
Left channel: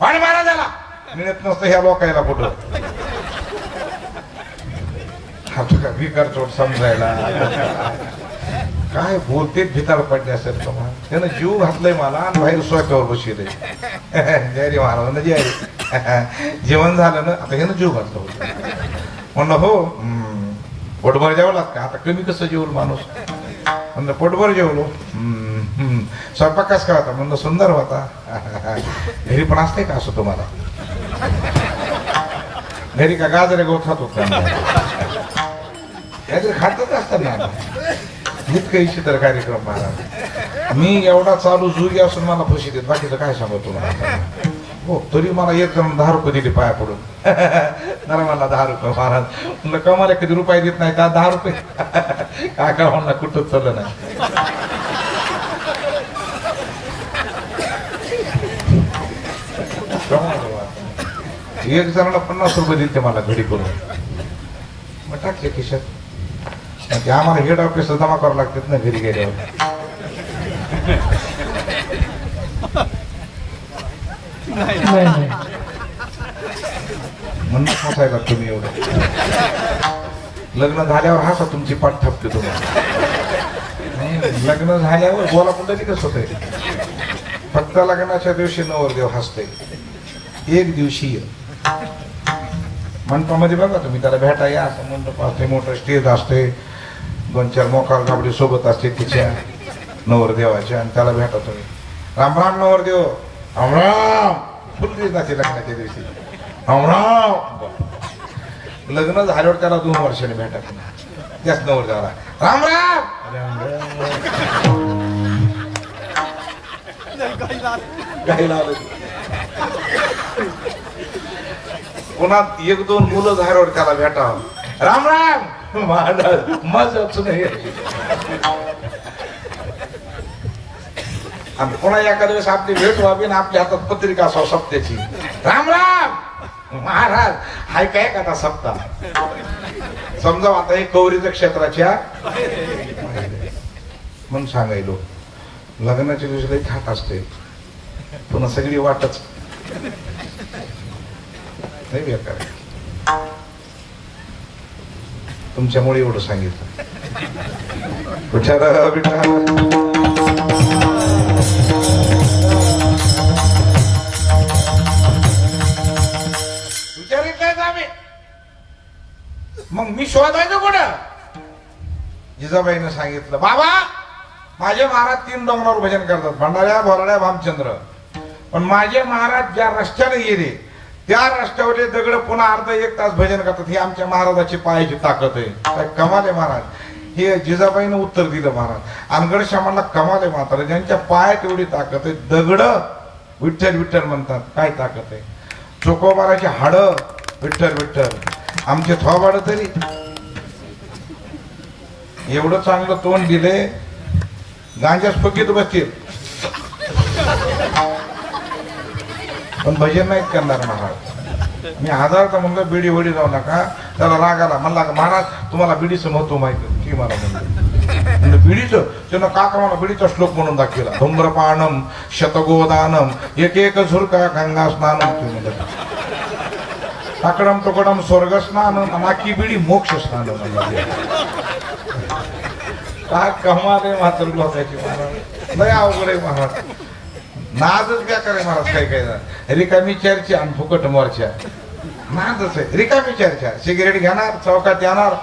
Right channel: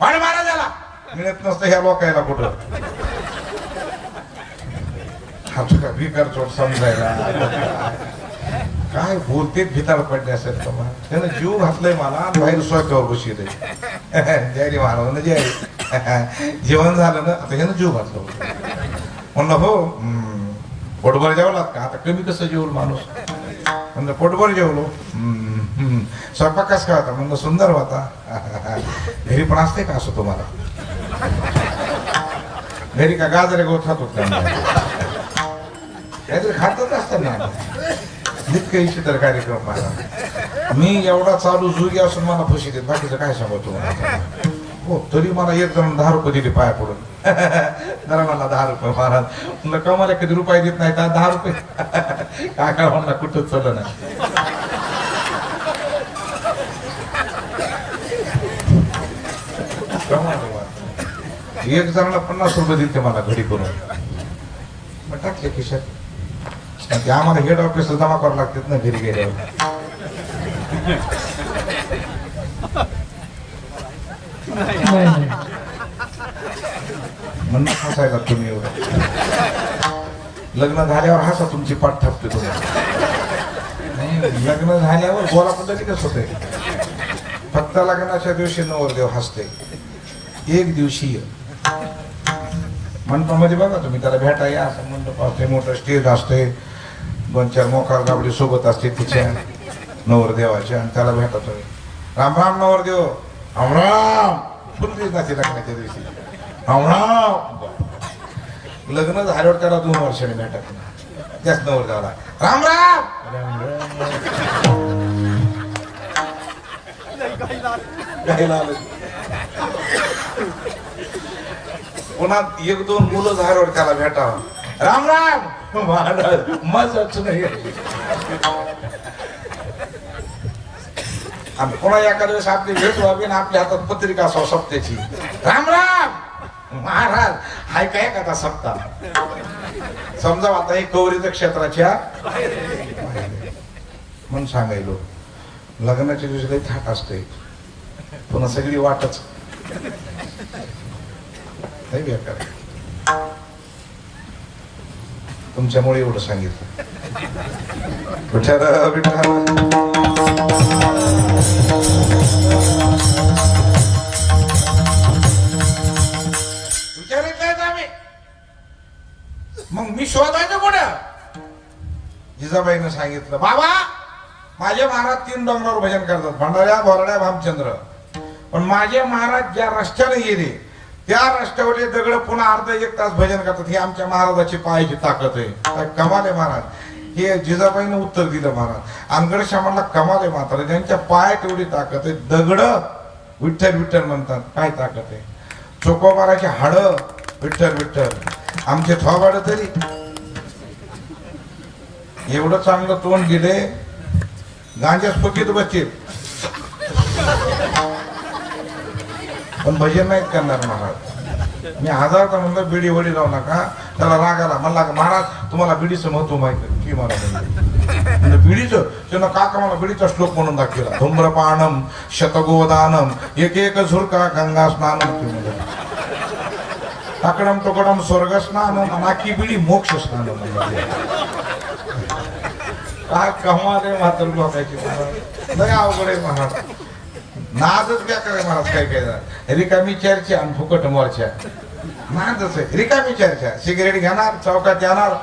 पाणी मारा त्याला. मिळत नसतं ह्या लोकायला कुठं. भिकार चोट समजायला काय बोलते भिताड पडले असेल तर. त्यानं जीव घातलाय मला आणि बाहेर स्वयंपावर बसले. जय महाराज जय. जेवण झालं ना, आता ह्यानं जीव घातलं. म्हणलं हो पोटभर जेवलात का? आता कमी कसं जेवल माणूस. म्हणलं पोटभर जेवलो. स्वयंपाक कस काय होता? म्हणलं सुंदर होता. घरी पण असते का असं तुम्हाला? घरी का गाजरे गवत खातो का? काहीतरी खातच असतात ना. इतकं इच्छितर कार्यक्रम महाराज. मी एवढा चालू जुगी असून मला फशी देत, बाकीचं काय सांगू तुम्हाला. हो तरी मला एक जण 10 रुपये दिले पाया पडून. जरा मला 10 रुपये महाराज. म्हणलं कमाला किती रुपये देत नाही का? 10 रुपये. काय काय म्हणला कुठंच चाललं नाही. एक जणाला 50 रुपये दिले मला घडी करून. मग टाकले खिशात. ते आम्हाला हेड ऑफिसला जमा करावं लागतात ना घरी गेल्यावर. म्हणून पोसायला तुम्ही एवढं. लग्न झाल्यावर हसा तुमची पाठ ठपते तुम्हाला. लग्न झाल्यावर बोला कुठं कसं होतंय. फक्त लग्नाच्या दिवशी नवरदेव हसते. एक दिवशीय मंडपामध्ये बघा तुम्ही त्याला भेटा या, असं मंडप असते, मोठं स्टेज असते, 2-4 मोकार गाबडी सोबत असते तिच्या नवरदेवाच्या, आणि त्याला भेटा तुम्ही. राम राम नवरदेव, राम राम. पुतलीच ना ती लग्नाच्या दिवशी, राम राम. लग्न झाल्यावर त्याला 2 वर्षांनी भेटायचं त्याच नवरदेवाला, राम राम. गायला आलं. पुन्हा 1-2 मुलं झाल्यावर त्याला भेटावं, राम राम. मजाच नाही. आणि पुन्हा एखाद्या वेळेस आपली भेट व्हावी ना आपल्या हातात पत्रिका असावं सप्त्याची, राम राम महाराज. हाय काय का सप्ताह समजा आता हे कवरीच्या क्षेत्राच्या म्हणून सांगायलो. लग्नाच्या दिवशी लई थाट असते, पुन्हा सगळी वाटच नाही बेकार. तुमच्यामुळे एवढं सांगितलं. मग मी शोधायचं कुठं? जिजाबाईनं सांगितलं, बाबा माझे महाराज 3 डोंगरावर भजन करतात, भंडाऱ्या, भोरड्या, भामचंद्र. पण माझे महाराज ज्या रस्त्याने गेले त्या रस्त्यावरले दगड पुन्हा अर्धा 1 तास भजन करतात. ही आमच्या महाराजाची पायाची ताकद आहे. काय कमाल आहे महाराज. हे जिजाबाईनं उत्तर दिलं महाराज. अनगड श्यामांना कमाल आहे मात्र, ज्यांच्या पायात एवढी ताकद आहे. दगड विठ्ठल विठ्ठल म्हणतात, काय ताकद आहे. चोकोबाराची हाडं विठ्ठल विठ्ठल, आमचे थोबाड तरी एवढं चांगलं तोंड दिले, गांजाच फुकीत बसतील पण भजन नाहीत करणार महाराज. मी 1000दा म्हणलं बिडी वडी जाऊ नका. त्याला राग आला, म्हणला महाराज तुम्हाला बिडीचं महत्व माहिती की मला म्हणलं बिडीचं. त्यानं काका मला बिडीचा श्लोक म्हणून दाखवला, धूम्रपानम शतगोदानम एक झुरका गंगा स्नानम, टाकडम टोकडम स्वर्ग स्नान, नाकी बिडी मोक्ष स्नान. म्हणलं काय कमाल आहे मात्र लोकांची महाराज. लय अवघड आहे महाराज. नादच काय करे महाराज. काय काय रिकामी चर्चा आणि फुकट मोर्चा. नादच आहे रिकामी चर्चा. सिगरेट घेणार, चौकात येणार.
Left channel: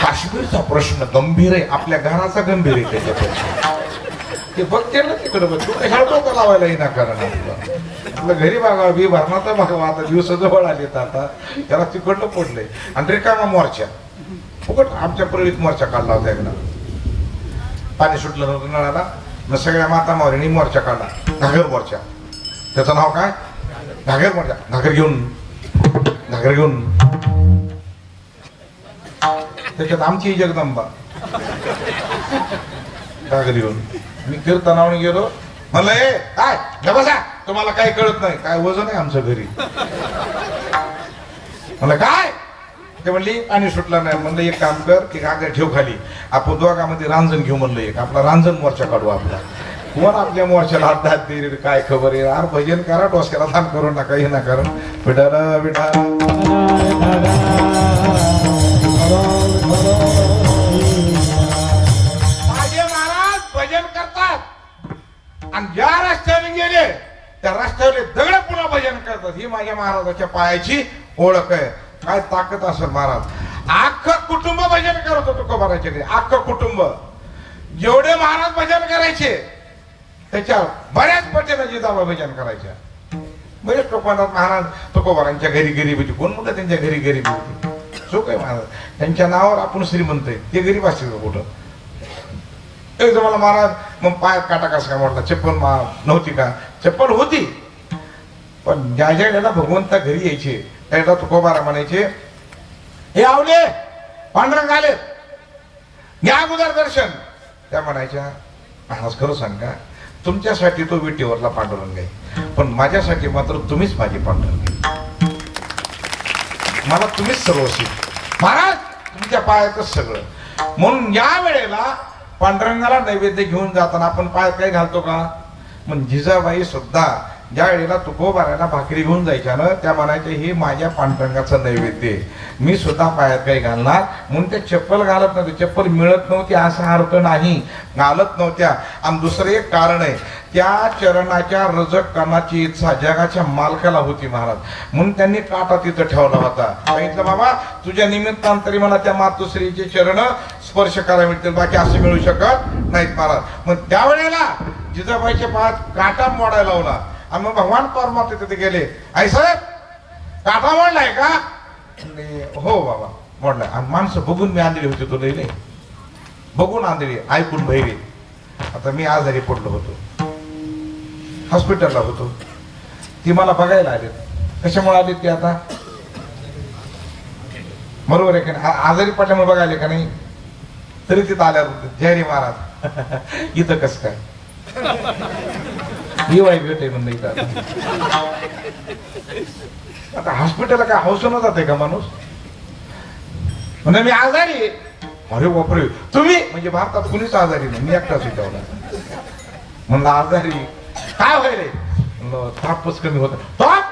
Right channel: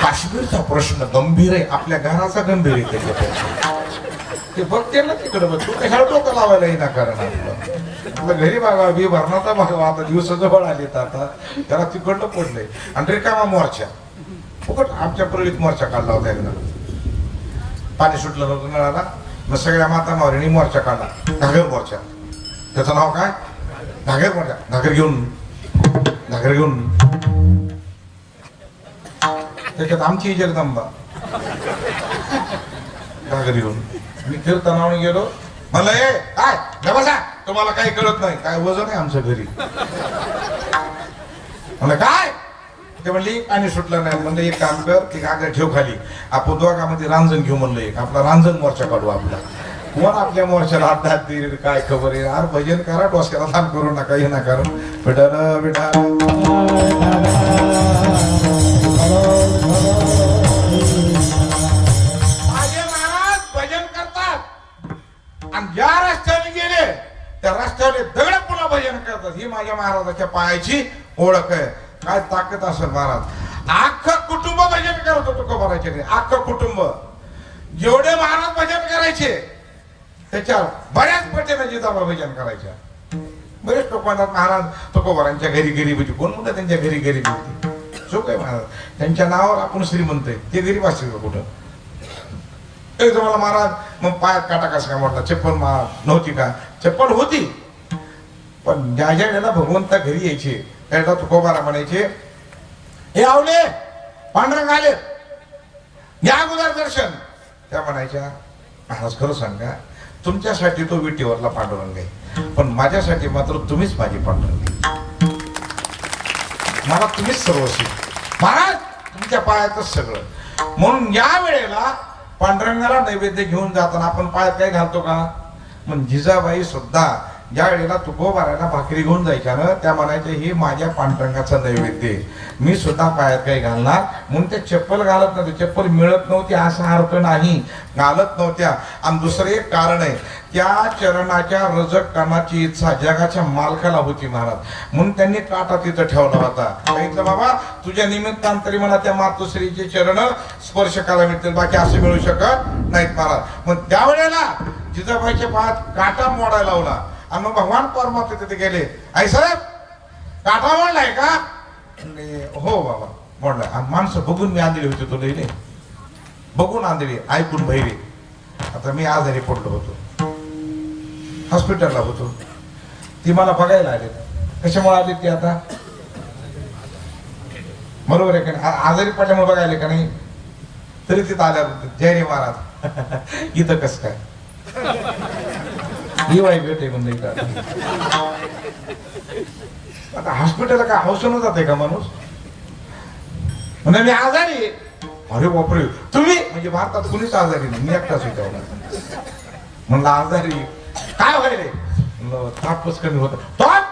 काश्मीरचा प्रश्न गंभीर आहे, आपल्या घराचा गंभीर आहे. त्याच्यापेक्षा ते बघते ना तिकडे बघ, तू कशाला डोकं लावायला येणार. कारण आपलं घरी बघा बी भरणाचा बघा. आता दिवस जवळ आलेत, आता त्याला तिकडनं पडलंय. आणि रिकामा मोर्चा फुकट. आमच्या परळीत मोर्चा काढला होता एकदा. पाणी सुटलं नव्हतं नळाला, मग सगळ्या माता मावरीने मोर्चा काढला, घागर मोर्चा. त्याचं नाव काय? घागर मोर्चा. घागर घेऊन त्याच्यात आमची जगदंबा घागर घेऊन. मी कीर्तनावर गेलो, म्हणलं ए काय बसा, तुम्हाला काही कळत नाही. काय वजन आहे आमच्या घरी. म्हणलं काय? ते म्हणली पाणी सुटलं नाही. म्हणलं एक काम कर, ती घागर ठेव खाली, आपण दोघांमध्ये रांजण घेऊ. म्हणलं एक आपला रांजण मोर्चा काढू आपला. कोण आपल्या मोर्चाला हात देईल काय खबर आहे. यार भजन करा, डोसक्याला दान करू नका, हे ना करू. विठाला विठाल माझे महाराज भजन करतात. आणि ज्या रस्त्याने गेले त्या रस्त्यावर दगड पुन्हा भजन करतात. ही माझ्या महाराजाच्या पायाची ओळख आहे. काय ताकद असेल महाराज. अख्खं कुटुंब भजन करत होतं तुकोबाराचे. अख्खं कुटुंब. जेवढे महाराज भजन करायचे त्याच्या बऱ्याच पटीने जिजाबा भजन करायच्या. बरेच लोक म्हणतात महाराज तुकोबारांच्या घरी गरीब होती. कोण म्हणतात त्यांच्या घरी गरीब होती? चूक आहे महाराज. त्यांच्या नावावर आपण श्रीमंत आहे. ते गरीब असतील का कुठं? एक जमाला महाराज मग पायात काटा कसा काय मोडला? चप्पल नव्हती का? चप्पल होती, पण ज्या ज्या वेळेला भगवंता घरी यायचे त्याला तुकोबारा म्हणायचे, हे आवले पांढरंग आले, घ्या अगोदर दर्शन. त्या म्हणायच्या महाराज खरं सांगा, तुमच्यासाठी तो विटीवरला पांडुरंग आहे, पण माझ्यासाठी मात्र तुम्हीच माझी पांडुरंग. मला तुम्हीच सर्वस्वी महाराज, तुमच्या पायातच सगळं. म्हणून या वेळेला पांडुरंगाला नैवेद्य घेऊन जाताना आपण पायात काय घालतो का? मग जिजाबाई सुद्धा ज्या वेळेला तुकोबाराला भाकरी घेऊन जायच्या ना, त्या म्हणायच्या ही माझ्या पांडुरंगाचं नैवेद्य, मी सुद्धा पायात काही घालणार. म्हणून ते चप्पल घालत नव्हते. चप्पल मिळत नव्हती असा अर्थ नाही, घालत नव्हत्या. आणि दुसरं एक कारण आहे, त्या चरणाच्या रजक कणाची इच्छा जगाच्या मालकाला होती महाराज, म्हणून त्यांनी काटा तिथं ठेवला होता. सांगितलं बाबा तुझ्या निमित्तानं तरी मला त्या मातोश्रीचे चरण स्पर्श करायला मिळतील, बाकी असं मिळू शकत नाहीत महाराज. मग त्यावेळेला जिजाबाईच्या पायात काटा मोडायला लावला आणि मग भगवान परमात्मा तिथे गेले. आई साहेब काटा मोडलाय का? हो बाबा मोडलाय. आणि माणसं बघून मी आंधळी होते, तो लई नाही बघून आंधळी, ऐकून बहिरे. आता मी आजारी पडलो होतो, हॉस्पिटलला होतो, ती मला बघायला आले. कशामुळे आले ते आता बरोबर आहे का नाही? आजारी पडल्यामुळे बघायला का नाही? तरी तिथं आल्यावर जय रे महाराज इथं कस काय वाई गट आहे म्हणलं इथं. आता हॉस्पिटलला काय हौसनं जाते का माणूस? म्हणजे मी आजारी आहे. अरे बापरे तुम्ही म्हणजे भारतात कुणीच आजारी नाही, मी एकटाच विचारला. म्हणलं आजारी काय होय रे? म्हणलं तापच कमी होता. ताप?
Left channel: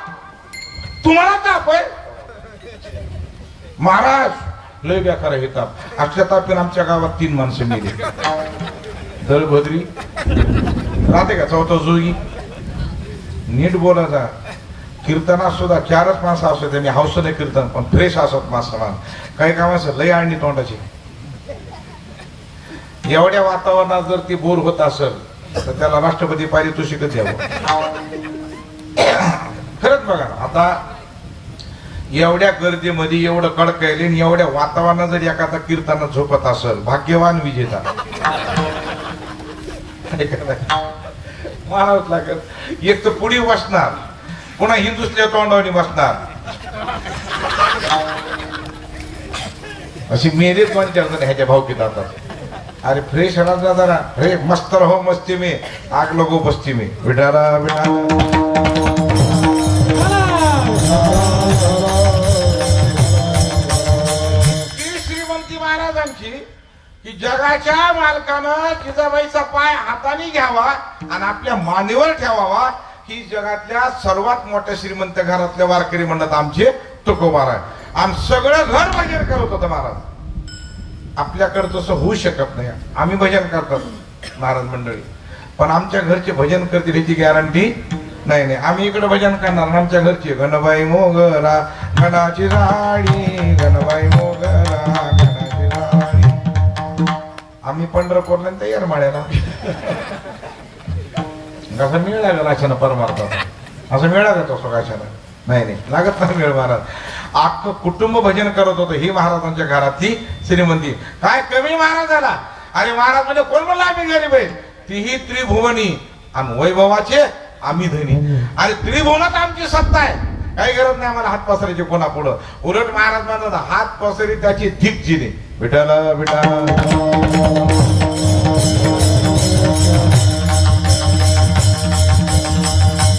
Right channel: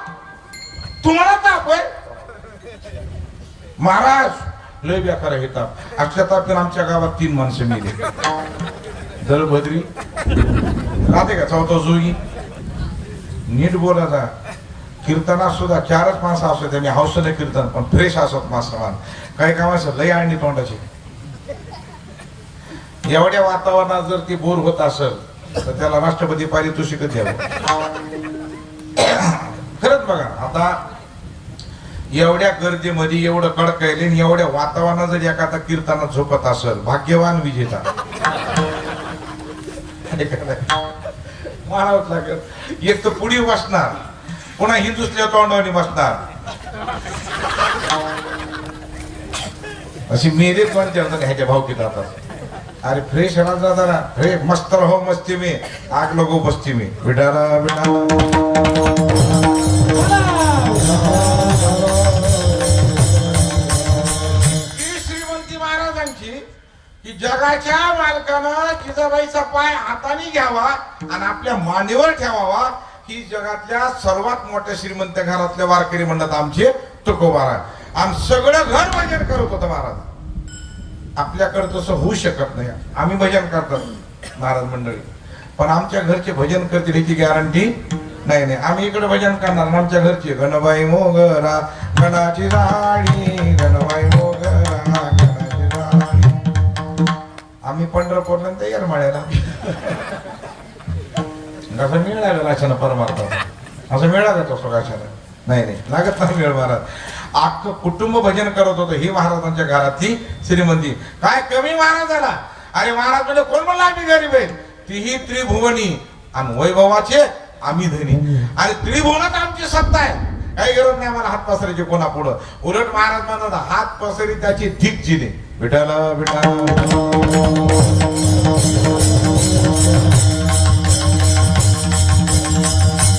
तुम्हाला ताप आहे? महाराज लय बेकार हे ताप. अक्षय तापीन आमच्या गावात 3 माणसं मेली. दलभद्री राहते का चौथा जोगी, नीट बोला जा. कीर्तनात सुद्धा 4च माणसं असतात, त्यांनी हौसने कीर्तन पण फ्रेश असत माणसं. काही कामाचं लय आणली तोंडाची. एवढ्या वातावरणात जर ती बोर होत असेल तर त्याला राष्ट्रपती पारितोषिक द्यावं. खरंच बघा आता एवढ्या गर्दीमध्ये एवढं कडकयले आणि एवढ्या वातावरणात जर एखादा कीर्तनात झोपत असेल भाग्यवान विजेता. मानावंच लागत. एक तर पुढी बसणार, पुन्हा हिंदुसल्या तोंडावणी बसणार. अशी मेरे पण जण ह्याच्या भावकीत आता. अरे फ्रेश राजा जरा, हे मस्त रहो मस्ती में, आग लगो बस्ती में. विठाला विठाला. श्रीमंती महाराजांची की जगाच्या मालकानं जिजाबाईचा पाय हाताने घ्यावा आणि आपल्या मानेवर ठेवावा. ही जगातल्या सर्वात मोठ्या श्रीमंत घरातल्या वारकरी म्हणत आमचे तुकोबार आहे. आणि सगळं घर भजन करत होतं महाराज. आपल्याकडे तसं होऊ शकत नाही. आम्ही भजन करतात महाराज मंडळी, पण आमच्या घरचे भजन करतील ह्याची गॅरंटी नाही. आम्ही इकडे भजन करणार, आमच्या घरचे गणबाई मोगरा गणाची राणी, गणबाई मोगरा गणाची राणी. आम्ही पंढरपूरला तयार म्हणायला असं मिळालं राशानं परमार्थात, असं मिळालं तो राशानं नाही लागत नाही वेळ. महाराज अख्खं कुटुंब भजन करत होतं. ही महाराजांच्या घरातली श्रीमंती. काय कमी महाराज झाला? अरे महाराज म्हणजे कोण म्हणलं आम्ही गरीब आहे? तीही त्रिभुवनी आणि वैभवाचे आम्ही धनी. आणि त्रिभुवनात आमची सत्ता आहे, काही गरज नाही आम्हाला हात पसरायची कोणा पुढं. उलट महाराज म्हणतात हात पसरी त्याची धीक जिने. विठाला विठाला.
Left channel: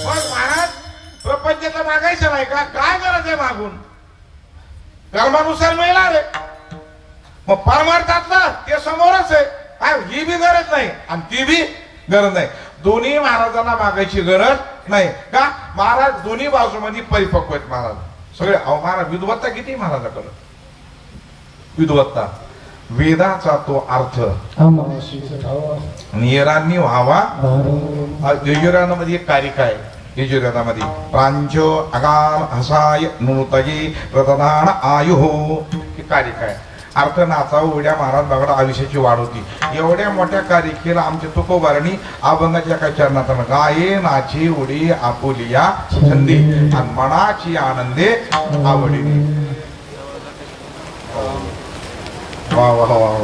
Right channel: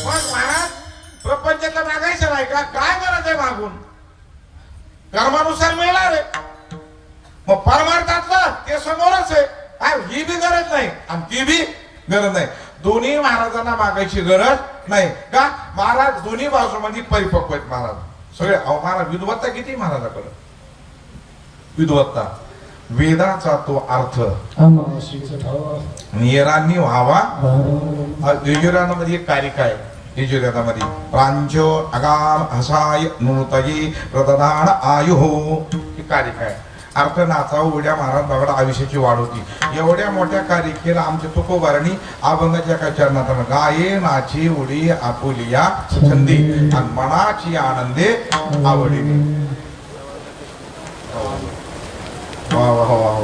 मग महाराज प्रपंचाचं मागायचं नाही का? काय गरज आहे मागून? कर्मानुसार मिळणार आहे. मग परमार्थातलं ते समोरच आहे. काय ही बी गरज नाही आणि ती बी गरज नाही. दोन्ही महाराजांना मागायची गरज नाही का? महाराज दोन्ही बाजूमध्ये परिपक्व आहेत महाराज सगळे. अहो महाराज विद्वत्ता किती महाराजाकडे? विद्वत्ता वेदाचा तो अर्थ निरांनी व्हावा. यजुर्वेदामध्ये एक कारिका आहे. यजुर्वेदामध्ये प्रांच अगाम हसाय नूतगी प्रतदान आयुः ही कारिका आहे. अर्थ नाचा उड्या महाराज बघा आयुष्याची वाढ होती. एवढ्या मोठ्या कारिकेला आमच्या तुकोबारांनी अभंगाच्या एका चरणात गाये नाची उडी आपुलिया छंदी आणि मनाची आनंदे आवडी. वा वा वा वा.